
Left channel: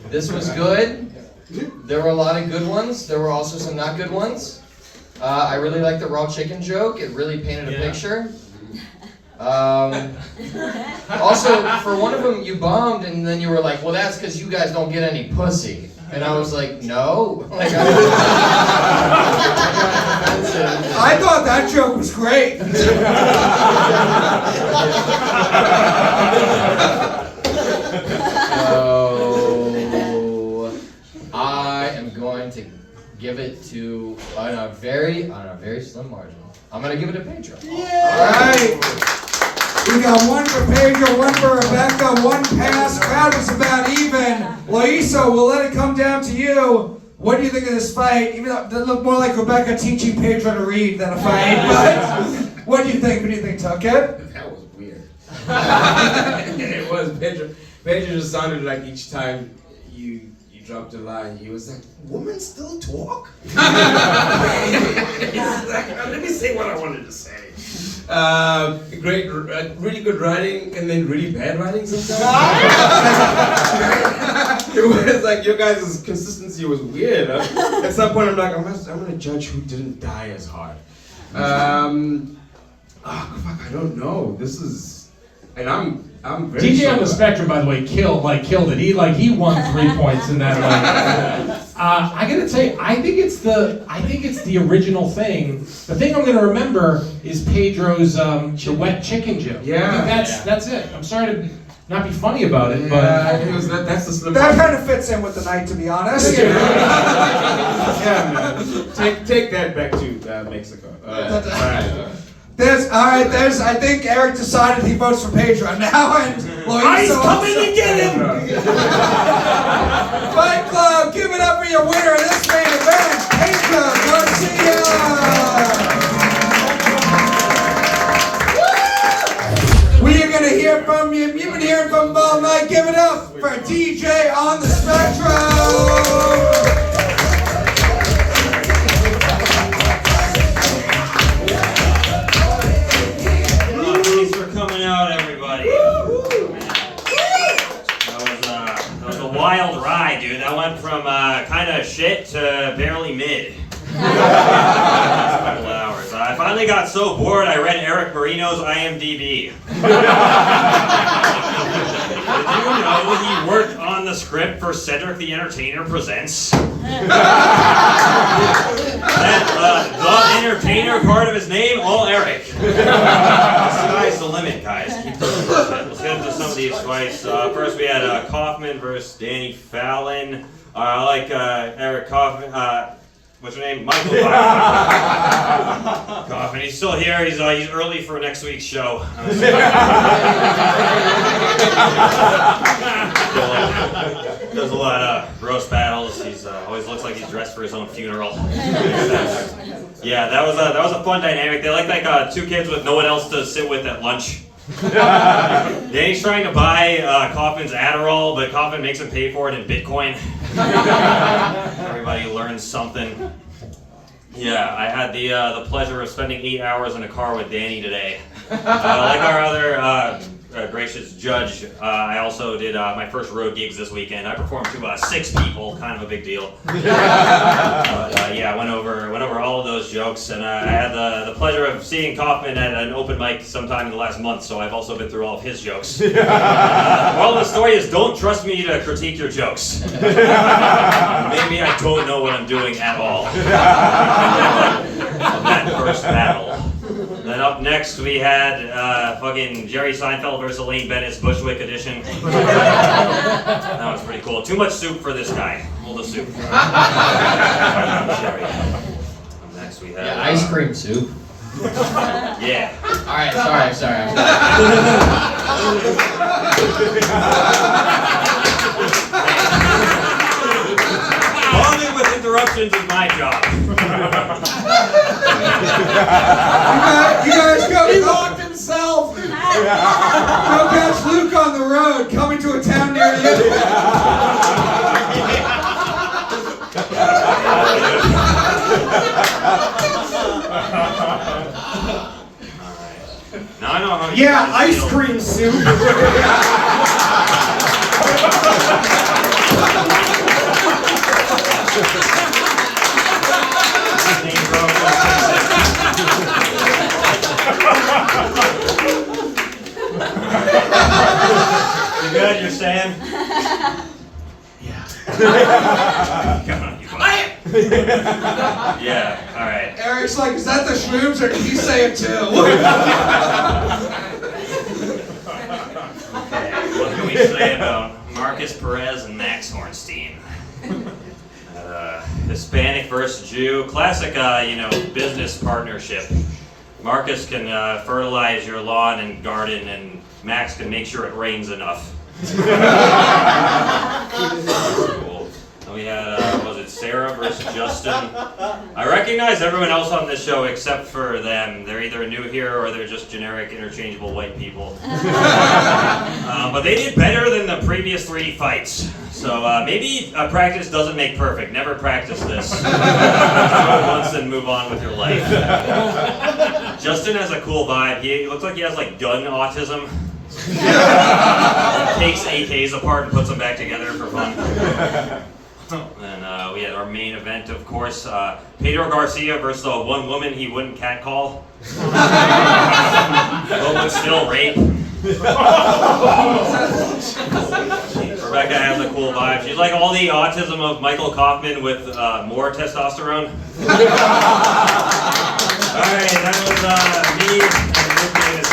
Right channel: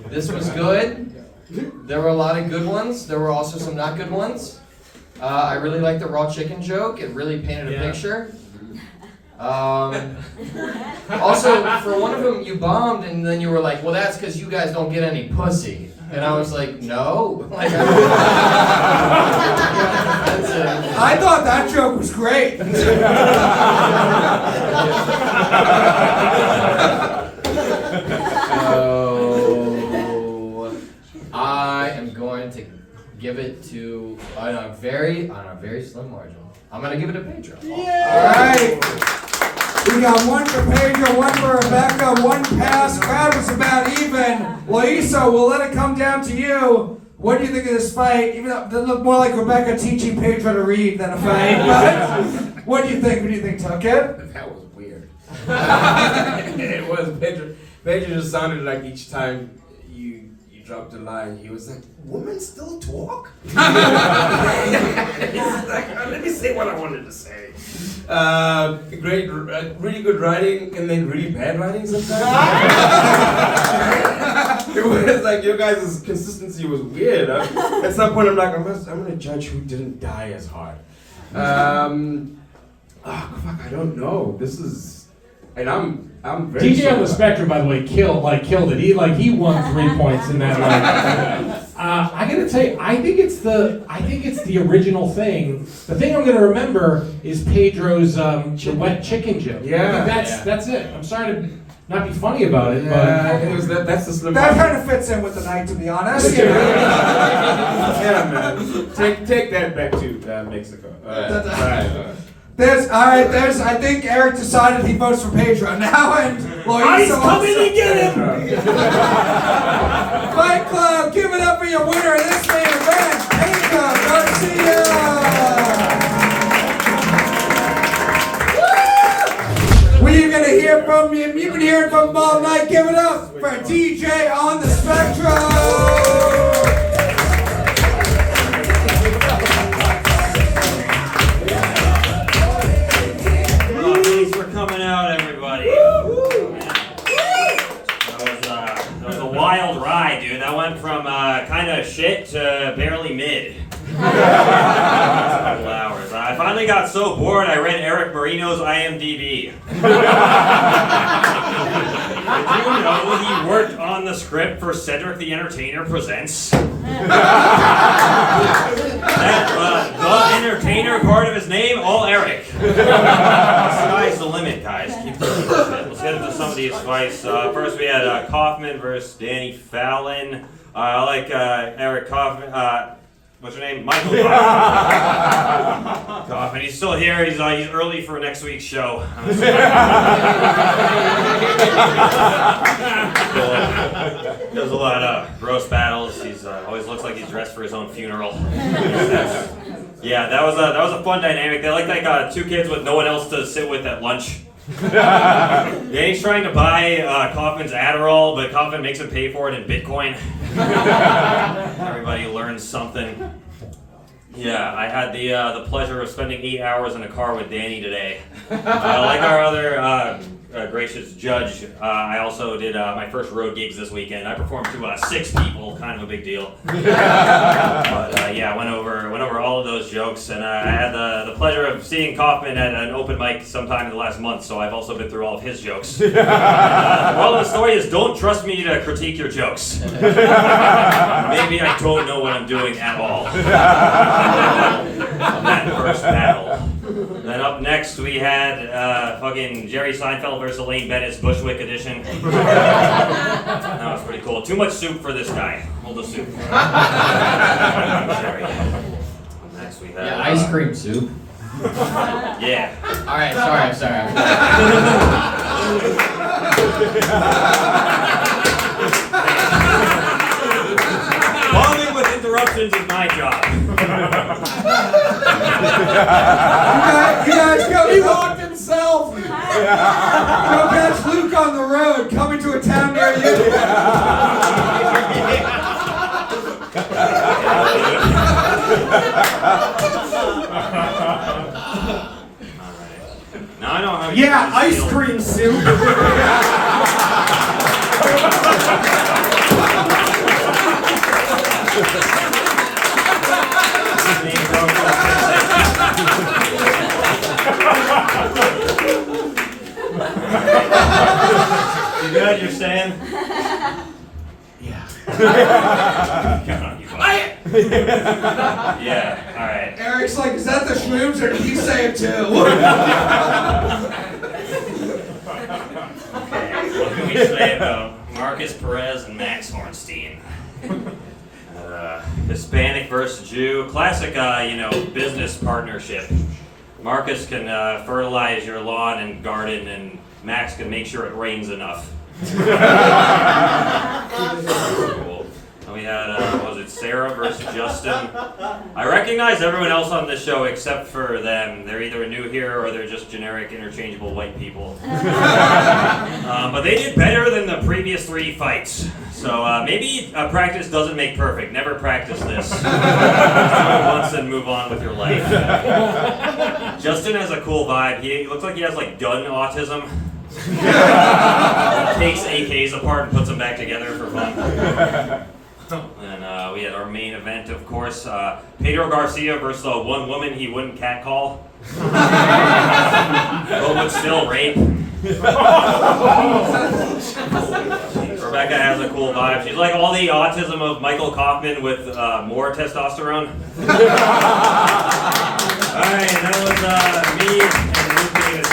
This was good. There were a lot of good ones. There were also some not good ones. I really liked the raw chicken joke. It really painted a picture. Also, for one of them, you bombed, and then you were like, well, that's because you guys don't get any pussy. And I was like, no. Like, I thought that joke was great. So, I am going to give it to, on a very slim margin. I'm going to give it to Pedro. All right. We got one for Pedro, one for Rebeca, one pass. Crowd was about even. Loyiso, we'll let it come down to you. What do you think of this fight? Even though it looked more like Rebeca teaching Pedro to read than a fight, but what do you think? Who do you think took it? That was weird. It was Pedro. Pedro just sounded like each time you dropped a line. He was like, "Women still talk?" He's like, "Let me say what I wanted to say." Great, really good writing, and then really bad writing sometimes. It was like your guys' consistency was weird. At some point, I'm like, I'm gonna judge who didn't die as hard. Oh fuck, I don't know. This is, and I'm very. DJ on the spectrum, by the way, killed it. He won 3 points in that. I gotta tell you, I think it's the original thing. The thing I'm gonna remember is Pedro's the wet chicken joke. Yeah, I think that's it. I'm sorry to not be funny about it, but it was that's the slip. That kind of fits in with the night, to be honest. Yeah, man. Take that back to Mexico. I think Erik decided he votes for Pedro now, and Loyiso coming to get him! Fight Club, give it up for your winner of this main event, Pedro Garcia! We are going to hear from you. You've been hearing from him all night. Give it up for DJ on the spectrum! Coming out, everybody. That was a wild ride, dude. That went from kind of shit to barely mid. Couple hours. I finally got so bored I read Eric Marino's IMDb. Did you know he worked on the script for Cedric the Entertainer Presents? That the Entertainer part of his name, all Erik. The sky's the limit, guys. Keep doing this shit. Let's get into some of these fights. First, we had Kaufman versus Danny Fallon. I like Erik Kaufman. What's your name? Michael Kaufman. He's still here. He's early for next week's show. Does a lot of gross battles. He's always looks like he's dressed for his own funeral. Yeah, that was a fun dynamic. They like two kids with no one else to sit with at lunch. Danny's trying to buy Kaufman's Adderall, but Kaufman makes him pay for it in Bitcoin. Everybody learns something. Yeah, I had the pleasure of spending 8 hours in a car with Danny today. Like our other gracious judge, I also did my first road gigs this weekend. I performed to 6 people, kind of a big deal. But yeah, I went over all of those jokes, and I had the pleasure of seeing Kaufman at an open mic sometime in the last month, so I've also been through all of his jokes. The moral of the story is don't trust me to critique your jokes. Maybe I don't know what I'm doing at all. On that first battle. Then up next we had fucking Jerry Seinfeld versus Elaine Bennett's Bushwick edition. That was pretty cool. Too much soup for this guy. Hold the soup. Jerry. Up next we had ice cream soup. Yeah. All right, sorry. Bombing with interruptions is my job. You guys go. He walked himself. Go catch Luke on the road, coming to a town near you. Now I know how you Yeah, guys ice feel. cream soup. You good? You're staying? Yeah. Come on, you Yeah, alright. Eric's like, is that the shrooms or did he say it too? Okay, what can we say about Markus, Perez, and Max Hornstein? Hispanic versus Jew. Classic, business partnership. Markus can fertilize your lawn and garden, and Max can make sure it rains enough. Cool. And we had, It's Sarah versus Justin. I recognize everyone else on this show except for them. They're either new here or they're just generic, interchangeable white people. But they did better than the previous 3 fights. So maybe practice doesn't make perfect. Never practice this. Do it once and move on with your life. Justin has a cool vibe. He looks like he has like done autism. Takes AKs apart and puts them back together for fun. And we had our main event, of course, Pedro Garcia versus the one woman he wouldn't catcall. But still rape. Rebecca has a cool vibe. She's like all the autism of Michael Kaufman with more testosterone. Alright, that was me and Luke being a